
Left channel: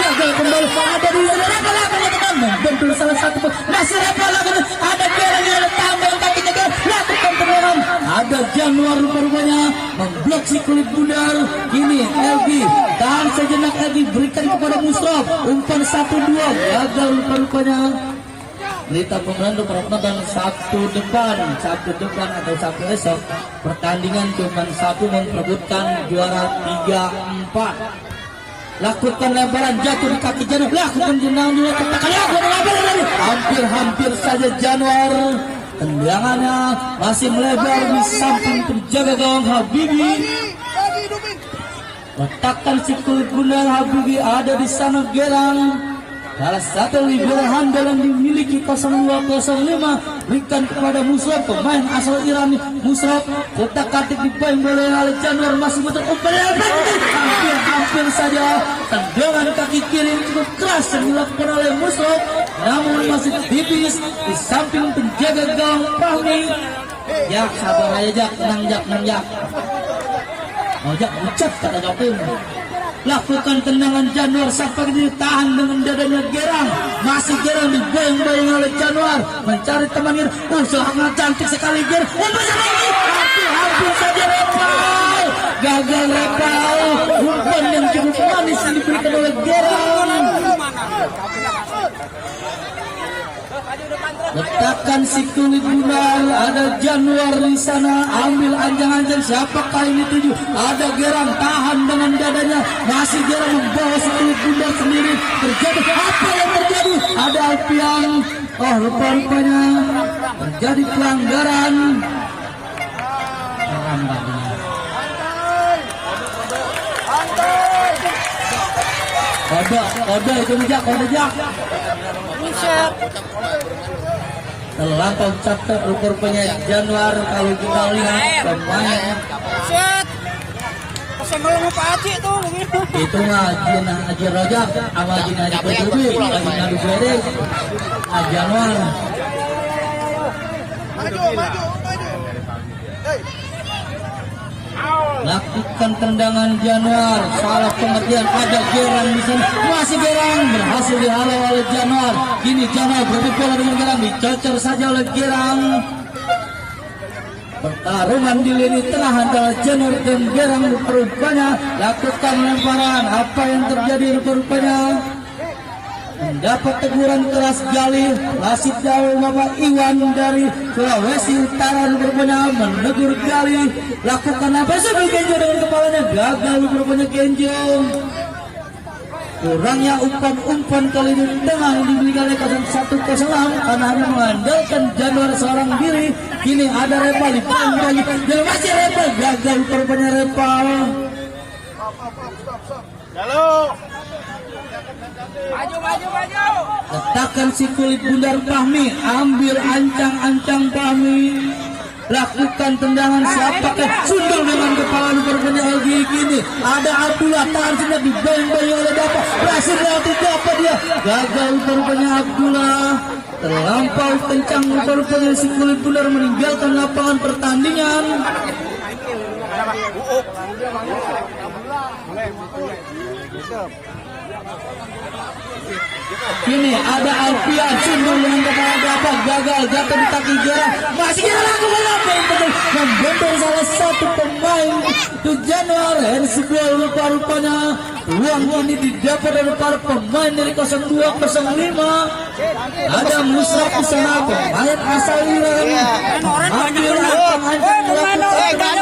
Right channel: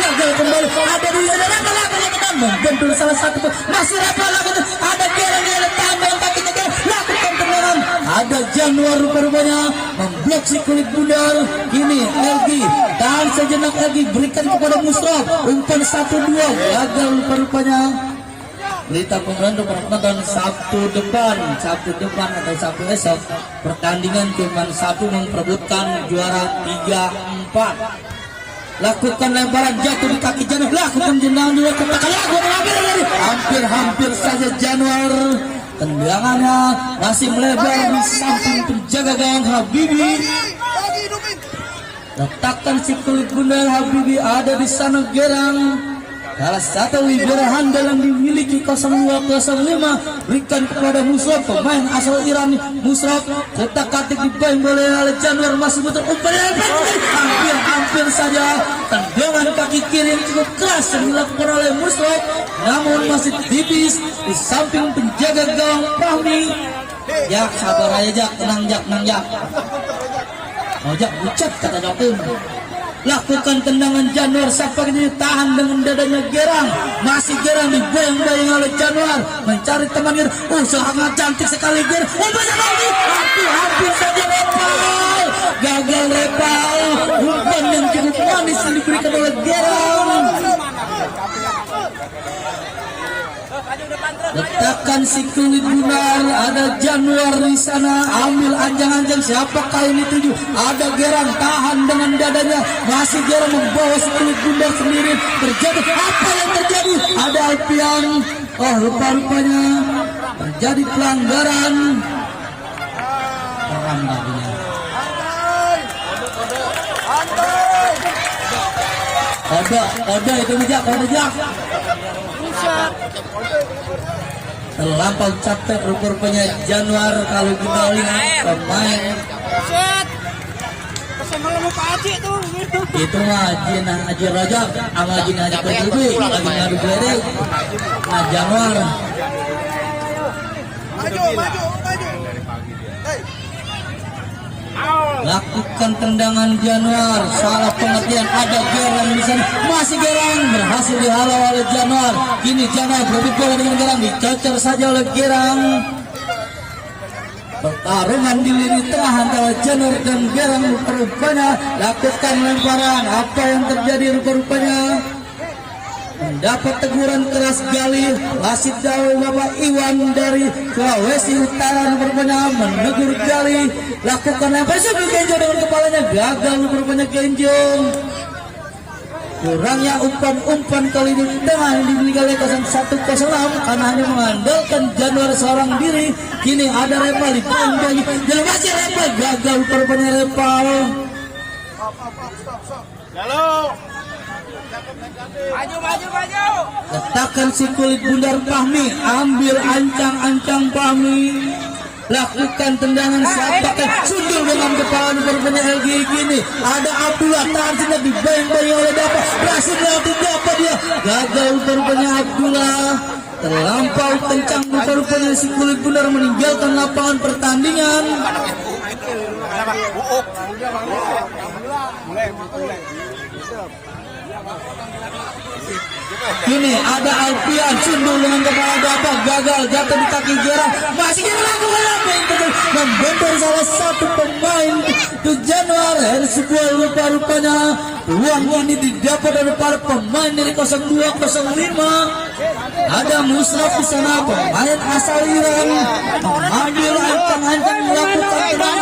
gagal kembali, ada di teman, membentur salah satu, masih lakukan, ada Gerang yang tambah kakinya, lakukan tendangan, ada Januar rupanya memblok si kulit bundar. Kini LG tahan sejenak lagi, berikan kepada Musraf, umpan 1-2, gagal rupanya. Berita pembantu penonton Sabtu depan atau Sabtu esok pertandingan cuma satu memperebutkan juara 3-4. Lakukan lemparan jatuh di kaki Januar, lakukan jenang juga katakan hampir saja Januar, tendangannya masih melebar di samping penjaga gawang Habibi. Letakkan si kulit bundar Habibi ada di sana Gerang. Salah satu libero handal yang dimiliki 0205 berikan kepada Musraf, pemain asal Iran. Musraf ketak-katik dibayang oleh Januar, masih betul hampir saja tendangan kaki kiri yang cukup keras yang dilakukan oleh Musraf, namun masih tipis di samping penjaga gawang Fahmi. Jak, sabar aja Jak, tenang Jak. Jak ucap kata Japun. Lakukan tendangan Januar Sapa ini tahan dengan dadanya Gerang, masih Gerang dibayang-bayang oleh Januar mencari temannya. Sangat cantik sekali Gerang, hampir saja lepal, gagal lepal, umpan yang cukup manis yang diberikan oleh Gerang. Letakkan si kulit bundar, ada Januar di sana, ambil anjang-anjang, siapakah ini tuju? Ada Gerang tahan dengan dadanya, masih Gerang membawa si kulit bundar sendiri. Terjadi apa yang terjadi? Ada Alpian, rupa-rupanya terjadi pelanggaran. Ada itu Jak. Terlampau capek rupanya Januar kalau kita lihat pemain. Itu Haji Rojak sama Haji Kodudi, Haji Gede, Januar. Lakukan tendangan Januar, salah pengertian, ada Gerang di sana, masih Gerang berhasil dihalau oleh Januar. Kini Januar berbicara dengan Gerang, dicecer saja oleh Gerang. Pertarungan di lini tengah antara Januar dan Gerang rupanya lakukan lemparan. Apa yang terjadi rupanya? Mendapat teguran keras Gali, wasit dari Bapak Iwan dari Sulawesi Utara rupanya menegur Gali. Lakukan apa saja Kenjo dengan kepalanya, gagal rupanya Kenjo. Kurangnya umpan-umpan kali ini dengan diberikan oleh 0106 karena hanya mengandalkan Januar seorang diri. Kini ada Repal di pantai dan masih Repal, gagal rupanya Repal. Letakkan si kulit bundar Fahmi, ambil ancang-ancang Fahmi. Lakukan tendangan, siapakah sundul dengan kepala rupanya LG. Kini ada Abdullah, tahan tidak dibayang-bayang oleh Dapat, berhasil dapat dia, gagal rupanya Abdullah. Terlampau kencang rupanya si kulit bundar meninggalkan lapangan pertandingan. Kini ada Alfian sundul dengan kepala Dapat, gagal jatuh di kaki Gerang, masih Gerang lakukan membentur salah satu pemain di Januar. Dari sebuah rupanya peluang ini didapat dari para pemain dari 0205. Ada Musraf di sana, pemain asal Iran, ambil ancang-ancang melakukan tendangan.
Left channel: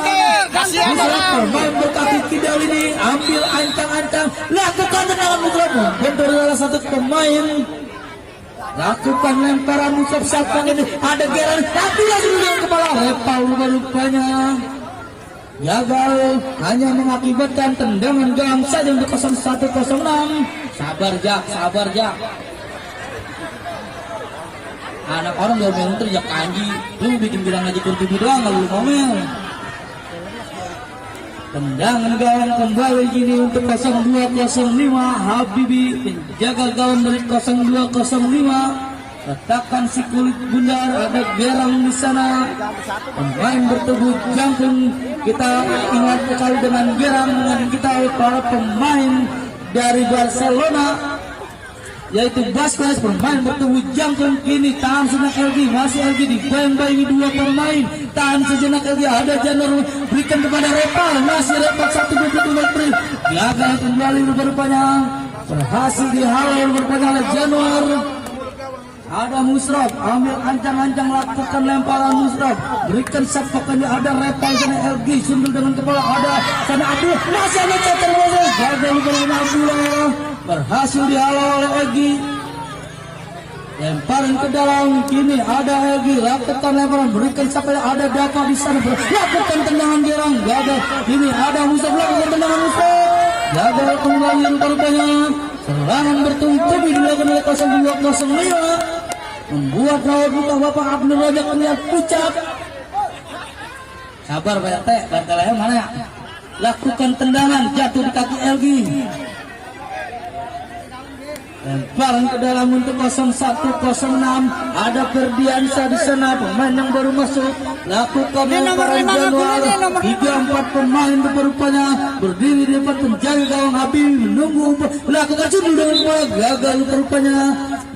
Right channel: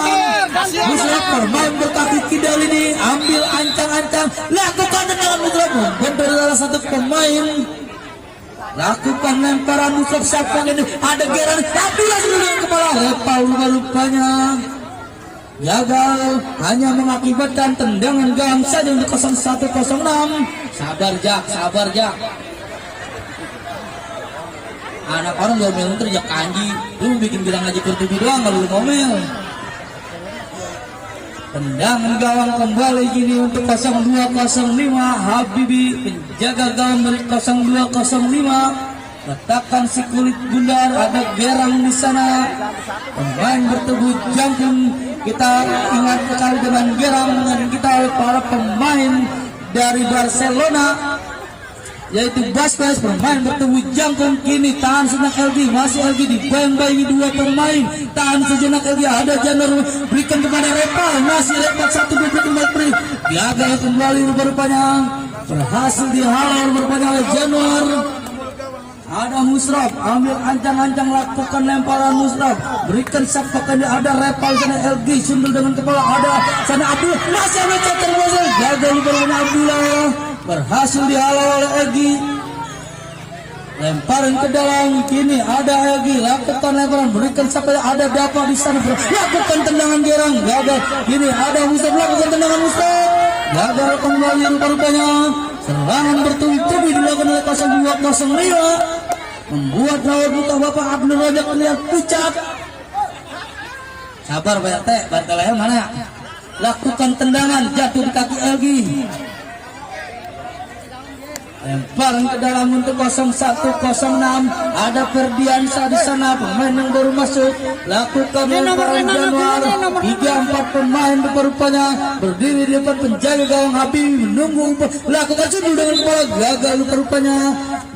Musraf pemain berkaki kidal ini ambil ancang-ancang, lakukan tendangan Musraf membentur salah satu pemain. Lakukan lemparan Musraf, siapa ini? Ada Gerang, Abdullah dengan kepala Repal rupanya gagal, hanya mengakibatkan tendangan Gerang saja untuk 0106. Sabar Jak. Anak orang gak mau terjak kanji, lu bikin bilang aja kurtubi doang, kalau lu ngomel. Tendangan gawang kembali gini untuk 0205 Habibi, penjaga gawang dari 0205. Letakkan si kulit bundar, ada Gerang di sana. Pemain bertubuh jangkung. Kita ingat sekali dengan Gerang, dengan kita para pemain dari Barcelona, yaitu Basques. Pemain bertubuh jangkung kini tahan sejenak LG, masih LG di bembay ini dua pemain. Tahan sejenak LG, ada Januar berikan kepada Repal, masih Repal 1-2 beri. Gagal kembali rupanya, berhasil dihalau rupanya oleh Januar. Ada Musraf, ambil ancang-ancang, lakukan lemparan Musraf, berikan sapakannya, ada Repal sana LG, sundul dengan kepala, ada sana Abdullah, masih ada catur masuk, gagal dengan Abdullah, berhasil dihalau oleh LG, lemparan ke dalam, kini ada LG, lakukan lemparan, berikan sapakannya, ada Dapat di sana, lakukan tendangan Gerang, gagal, kini ada Musraf, lakukan tendangan Musraf, gagal kembali rupanya, serangan bertubi-tubi dilakukan oleh 0205. Membuat lawan buka Bapak Abdul Rajak terlihat pucat. Sabar Pak RT, bantalnya mana? Lakukan tendangan, jatuh di kaki LG. Lemparan ke dalam untuk 0106. Ada Ferdiansa di sana, pemain yang baru masuk. Lakukan lemparan Januar. 3-4 pemain rupanya berdiri di depan penjaga gawang Habib, menunggu lakukan sundul dengan bola, gagal rupanya.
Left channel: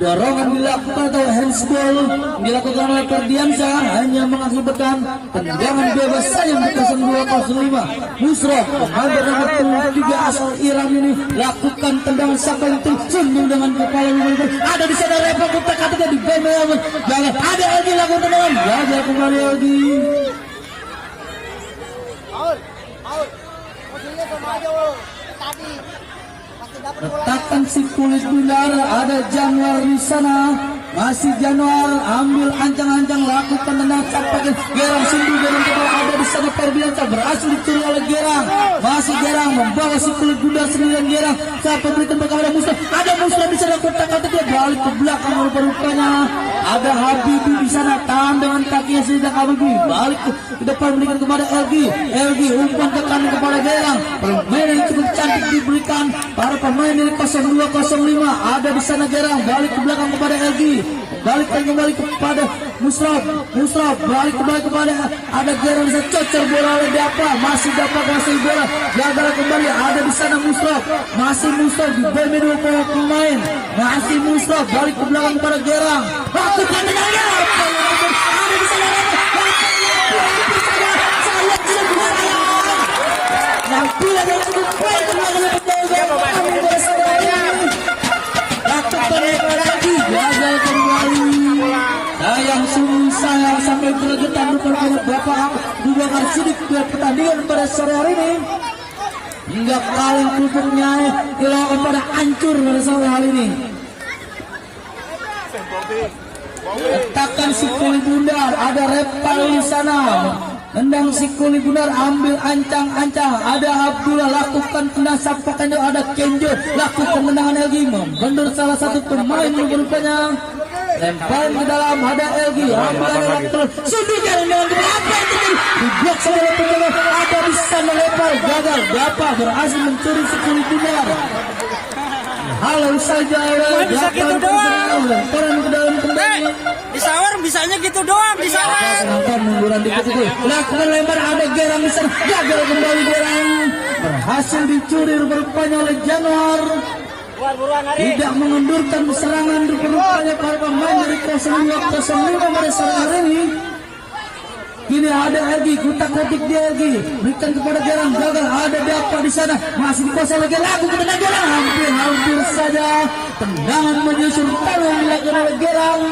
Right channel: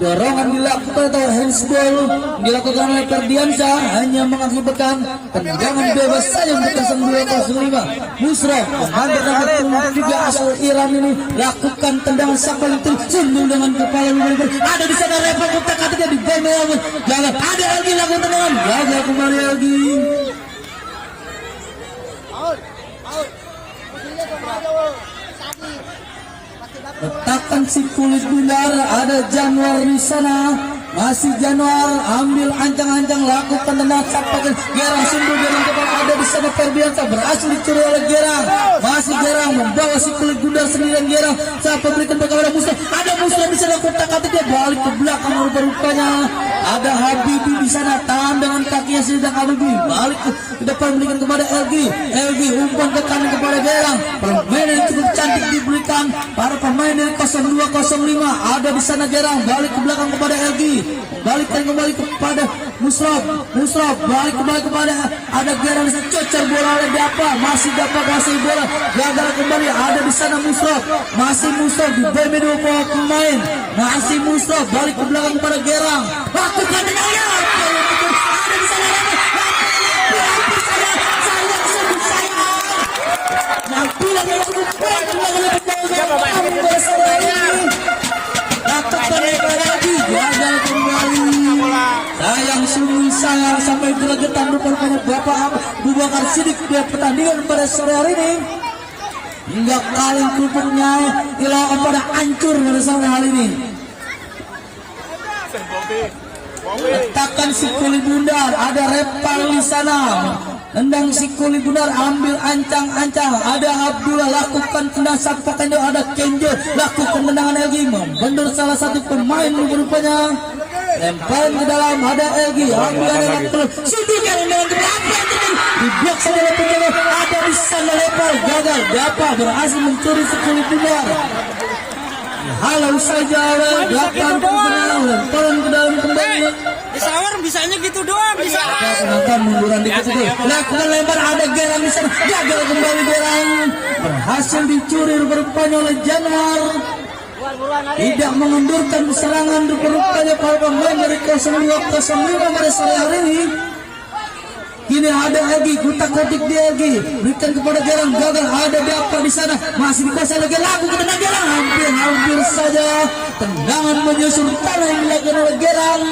Dorongan dilakukan atau handsball dilakukan oleh Ferdiansa, hanya mengakibatkan tendangan bebas saja untuk 0205. Musraf, pemain nomor 3 asal Iran ini, lakukan tendangan sampai itu sundul dengan kepala. Ada di sana Repot kutak-katiknya di bawah, gagal. Ada lagi lakukan tendangan, gagal kembali lagi. Letakkan si kulit bundar, ada Januar di sana, masih Januar, ambil ancang-ancang, lakukan tendangan sampakan Gerang, sundul dengan kepala, ada di sana Ferdiansa, berhasil dicuri oleh Gerang, masih Gerang membawa si kulit bundar sendirian. Gerang sampai berikan kepada Musraf, ada Musraf di sana, kotak-katik dia balik ke belakang rupanya. Ada Habibi di sana, tahan dengan kakinya sudah Habibi, balik ke depan berikan kepada LG, umpan ke kanan kepada Gerang. Pemain yang cukup cantik diberikan para pemain dari 0205. Ada di sana Gerang, balik ke belakang kepada LG, balikkan kembali kepada Musraf, balik kembali kepada ada Gerang, bisa cecer bola oleh Dapat, masih Dapat kasih bola, gagal kembali. Ada di sana Musraf, masih Musraf di bawah dua pemain, masih Musraf, balik ke belakang kepada Gerang, lakukan tendangan. Ada di sana Abdullah melakukan lagi, gagal kembali. Sayang sungguh sayang, sampai bergetar depan Bapak Bubakar Siddiq di pertandingan pada sore hari ini. Hingga kaleng kerupuknya dilakukan pada hancur pada sore hari ini. Letakkan si kulit bundar, ada Repal di sana. Tendang si kulit bundar, ambil ancang-ancang, ada Abdullah, lakukan tendangan sampakannya, ada Kenjo, lakukan tendangan LG, membendor salah satu pemain rupanya. Lemparan ke dalam, ada LG, sundulkan dengan apa di blok saudara penjaga, ada di sana Repal, gagal. Dapat berhasil mencuri si kulit bundar. Halo saja oleh Dapat, lemparan ke dalam kembali. Disawar bisanya gitu doang, bisa. Penonton munduran dikit itu. Lakukan lempar, ada Gerang di sana, gagal kembali Gerang. Berhasil dicuri rupanya oleh Januar. Tidak mengendurkan serangan rupanya para pemain dari 0205 pada sore hari ini. Kini ada lagi kutak-kutik dia lagi, berikan kepada Gerang, gagal. Ada Dapat di sana, masih dikuasai lagi, lakukan tendangan Gerang, hampir saja tendangan menyusun tangan dilakukan oleh Gerang,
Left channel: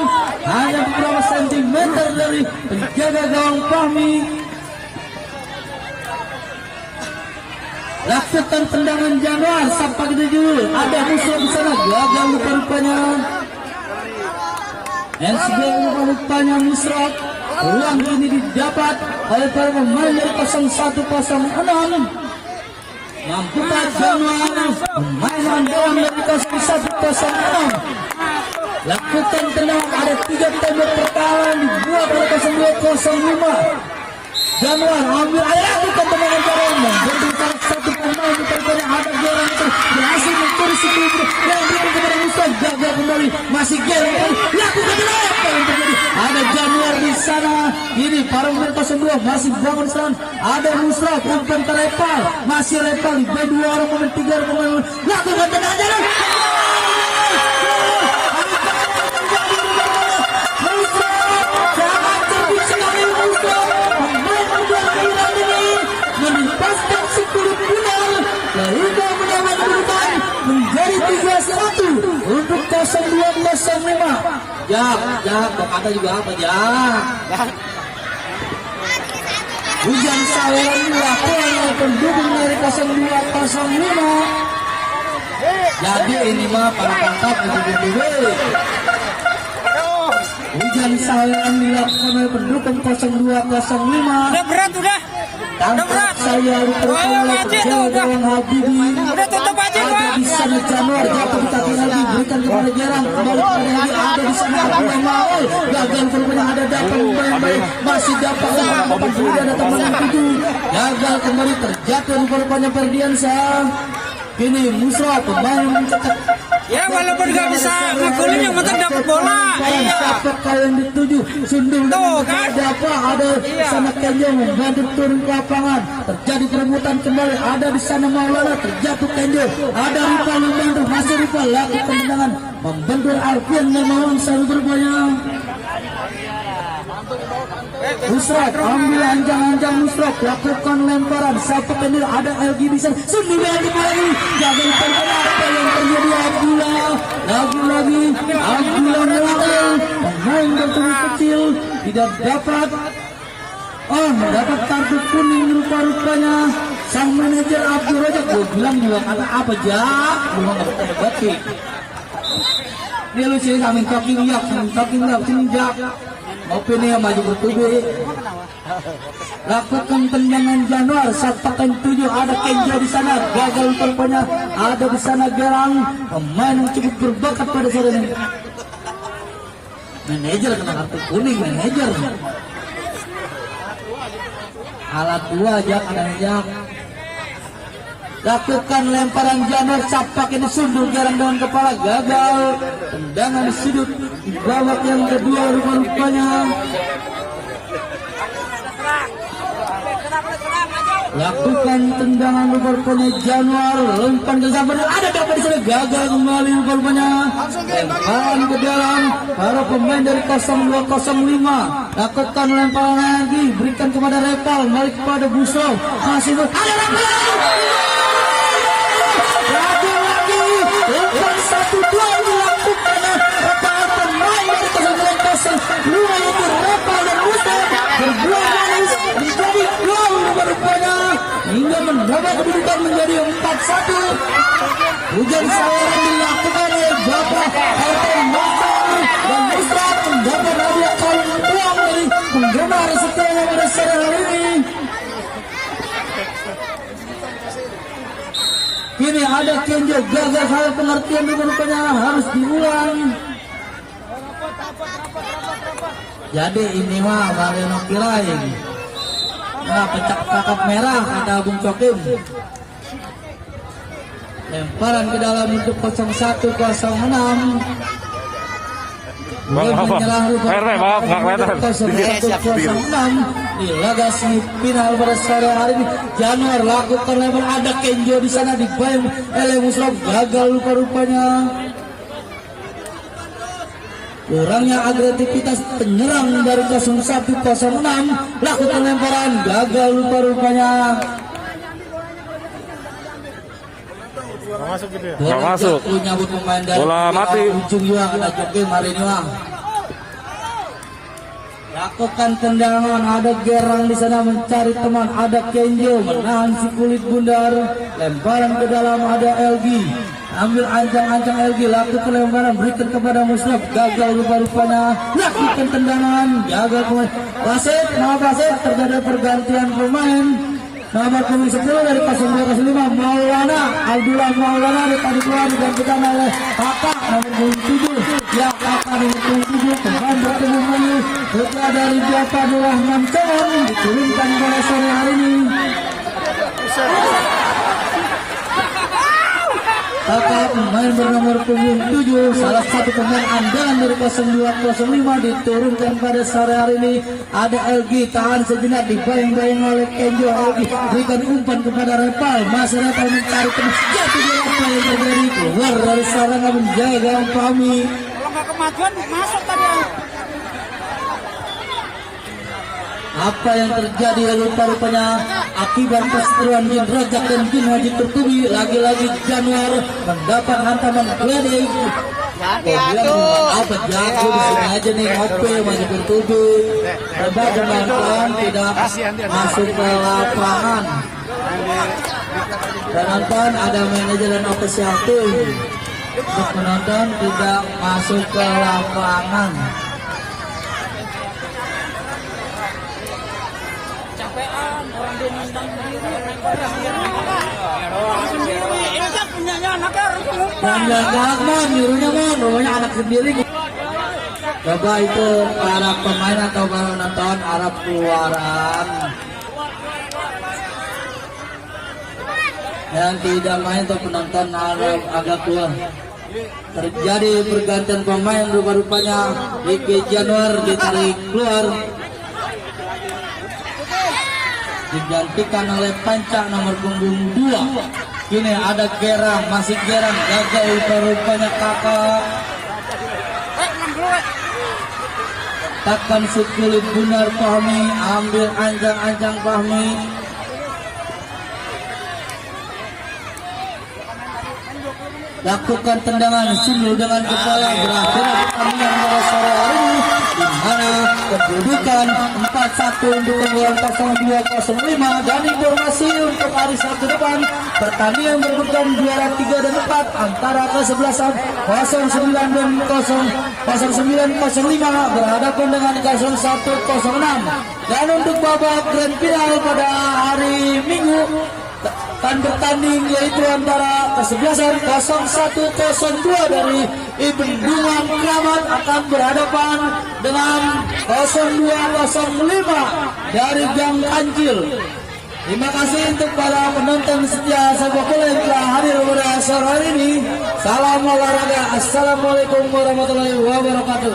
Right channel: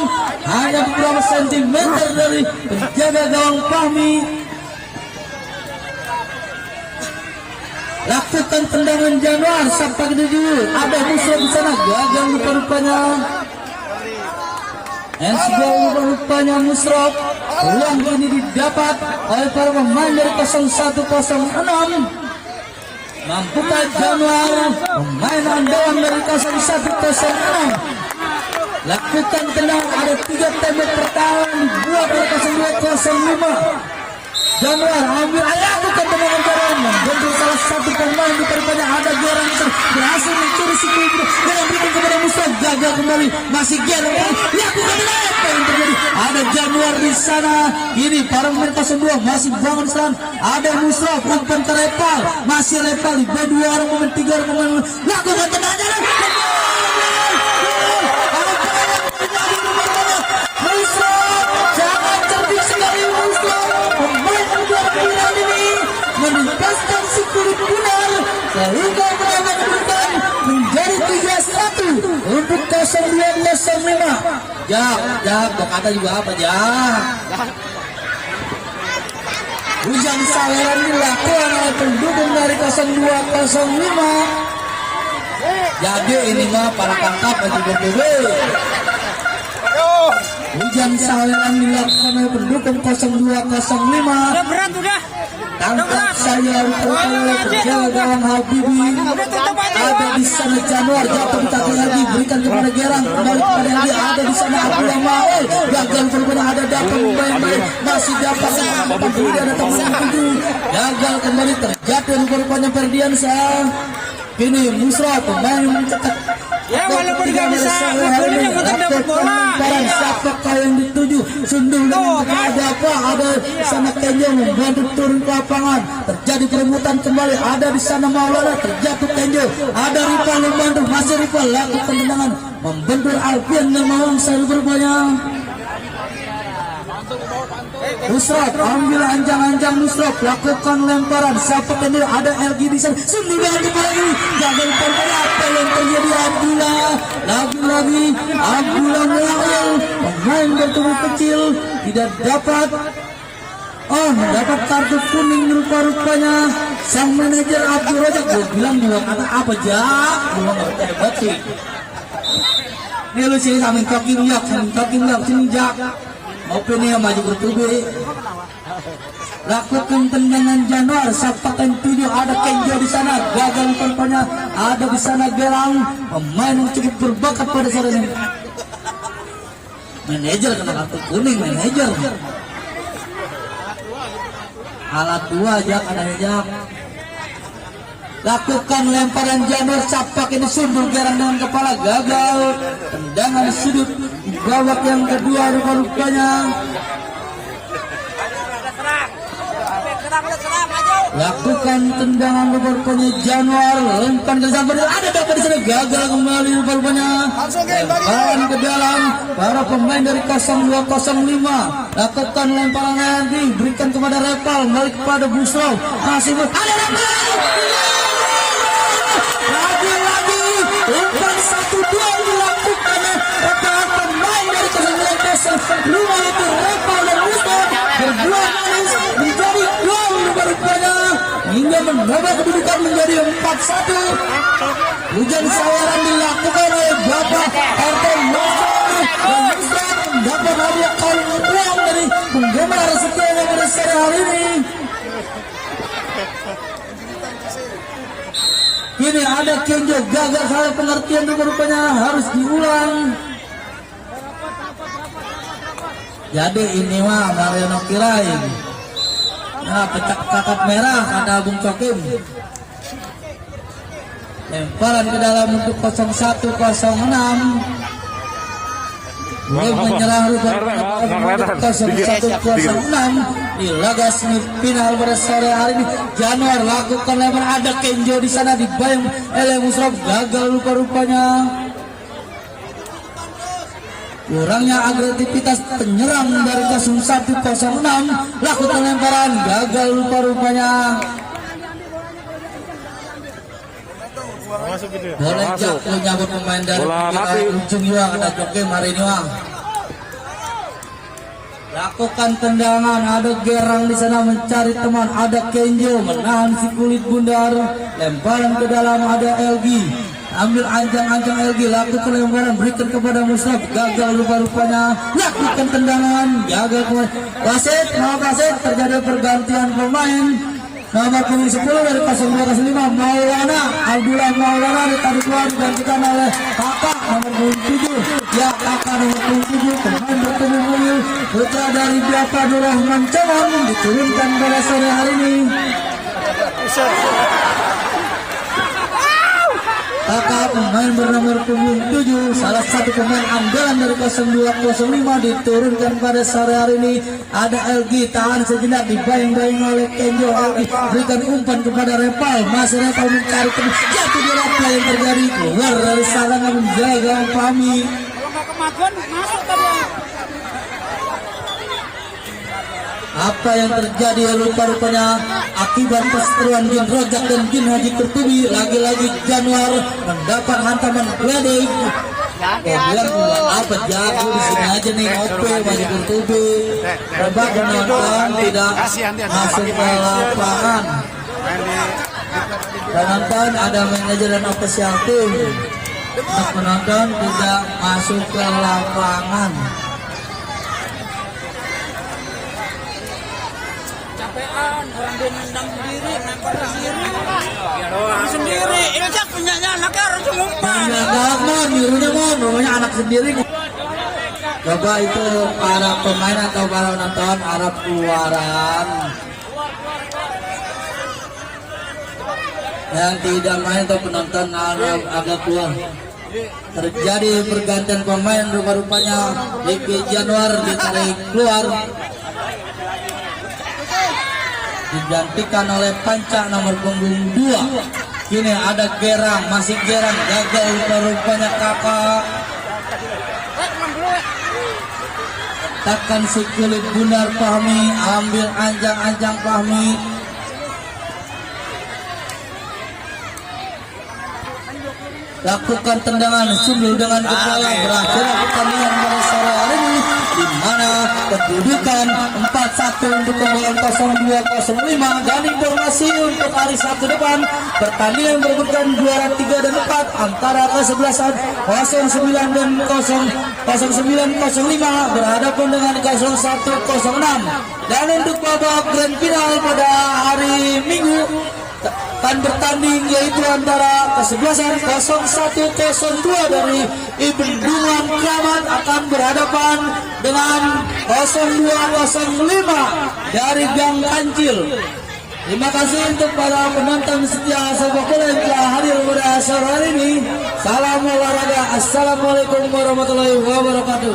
hanya beberapa sentimeter dari penjaga gawang kami. Lakukan tendangan Januar sampai ke tujuh, ada musuh di sana, gagal rupanya. Handsball rupanya Musraf. Peluang ini didapat oleh para pemain dari 0106. Mampukah Januar, pemain andalan dari 0106, lakukan tendangan, ada 3 tembok pertama dibuat oleh 0205. Januar ambil ayat bukan tendangan Januar bentuk salah satu pemain di pertandingan ada Gerang berhasil mencuri si Kulit dan berikan kepada Musa gagal kembali masih Gerang lakukan apa yang terjadi ada Januar di sana ini para pemain 02 masih bangun Islam ada Musa umpan ke Repal masih Repal di B2 orang pemain 3 orang pemain lakukan tendangan Januar Musa sangat cerdik sekali Musa pemain kedua ini menempaskan si Kulit benar sehingga menang menjadi 3-1 untuk 0205 ya berkata juga apa ya hujan salam dilakukan oleh pendukung dari 0205 jadi ini mah para pantap lagi berdua hujan salam dilakukan oleh pendukung 0205 berat udah. tangkap saya Rupanya terjauh gawang Habibi ada di sana Januar jatuh kaki lagi berikan kepada Gerang kembali kepada lagi ada di sana Abdul gagal kepada ada dapat pemain masih dapat sama sudah datang sang tujuh gagal kembali terjatuh rupanya Ferdiansyah ini Musa pemain mencetak Ya walaupun gak bisa ngegolin yang penting dapat bola. Siapa yang dituju sundul ada apa ada sana Kenjo membantu turun ke lapangan terjadi kerebutan kembali ada di sana Maulana terjatuh Kenjo ada Rival membantu masih Rival lakukan tendangan membentur Alfian Namawang selalu berupaya Musraf ambil anjang-anjang Musraf lakukan lemparan siapa Kenjo ada LG di sana sundul dengan lagi gagal perkara apa yang terjadi Abdullah lagi-lagi Abdullah Noel pemain bertubuh kecil tidak dapat dapat kartu kuning rupa-rupanya sang manajer Abdul Razak gue bilang buat apa jak belum ada hebat sih dia lu sini samping kaki lihat sini jak mau pennya maju bertubuh lakukan tendangan Januar saptakan 7 ada Kenjo di sana gagal rupanya ada di sana Gerang pemain yang cukup berbakat pada sore ini manajer kena kartu kuning manajer alat 2 aja lakukan lemparan Januar sapak ini sundul Gerang dengan kepala gagal tendangan di sudut di babak yang kedua rupanya lakukan tendangan rupanya Januar umpan ke Zambar ada dapat di sana gagal kembali rupanya lemparan ke dalam para pemain dari 0205 lakukan lemparan lagi berikan kepada Repal balik kepada Busol masih ada lagi umpan 1-2 dilakukan para pemain dari 0205 yaitu Repal dan Busol berbuah manis menjadi gol rupanya hingga menambah kedudukan menjadi 4-1 hujan sawaran dilakukan oleh Bapak Arten Masar dan Musraf mendapat hadiah kali uang dari penggemar setianya pada sore hari ini ini ada Kenjo gagal salah pengertian rupanya harus diulang jadi ini mah Mariono kirain pecah kakap merah ada Agung Cokim lemparan ke dalam untuk 0106 menyerang rupanya 0106 di laga semifinal pada sore hari ini Januar lakukan lemparan ada Kenjo di sana dibayang oleh Musraf gagal rupanya kurangnya agresivitas penyerang dari 0106 lakukan lemparan gagal rupanya masuk gitu ya boleh masuk punya pemain dari bola mati ujung juga ada Joki Marinua lakukan tendangan ada Gerang di sana mencari teman ada Kenjo menahan si Kulit Bundar lemparan ke dalam ada LG ambil anjang-anjang LG lakukan lemparan berikan kepada Musraf gagal rupanya lakukan tendangan jaga wasit terjadi pergantian pemain nomor punggung 10 dari 0205 Maulana Abdullah Maulana tadi keluar digantikan oleh Kakak nomor 7 ya kakak nomor 7 pemain bertemu ini putra dari Bapak Rahman Caman diturunkan pada sore hari ini. Kakak pemain bernomor punggung 7 salah satu pemain andalan dari 0205 diturunkan pada sore hari ini. Ada LG tahan sejenak dibayang-bayang oleh Kenjo. LG berikan umpan kepada Repal, masih Repal mencari tembus jatuh di apa yang terjadi keluar dari sana menjaga Fahmi. Apa yang terjadi rupa-rupanya akibat perseteruan Jin Rojak dan Jin Haji Tertubi, lagi-lagi Januar mendapat hantaman gledek. Apa jago di sini aja nih ngopi masih Tertubi. Coba penonton tidak masuk ke lapangan. Penonton ada manajer dan official tim. Untuk penonton tidak masuk ke lapangan. Capean orang dia nendang sendiri ini kan punyanya anaknya orang Cumumpan Rumahnya anak sendiri. Coba itu para pemain atau para penonton Arab keluaran yang tidak main atau penonton Arab agak keluar. Terjadi pergantian pemain rupa-rupanya Diki Januar ditarik keluar digantikan oleh Panca nomor punggung 2. Ini ada Gerang, masih Gerang gagal rupanya kakak. Takkan si kulit Gunar Fahmi ambil anjang-anjang Fahmi. Lakukan tendangan sundul dengan kepala berakhir pertandingan mulai sore hari ini di mana kedudukan 4-1 untuk unggulan 0205 dan informasi untuk hari Sabtu depan pertandingan berbeda juara 3 dan 4 antara kesebelasan 09 dan 0905 berhadapan dengan 0106 dan untuk babak grand final pada hari Minggu akan bertanding yaitu antara kesebelasan 0102 dari Ibendungan Kramat akan berhadapan dengan 0205 dari Gang Kancil. Terima kasih untuk para penonton setia sepak bola yang telah hadir pada sore hari ini. Salam olahraga. Assalamualaikum warahmatullahi wabarakatuh.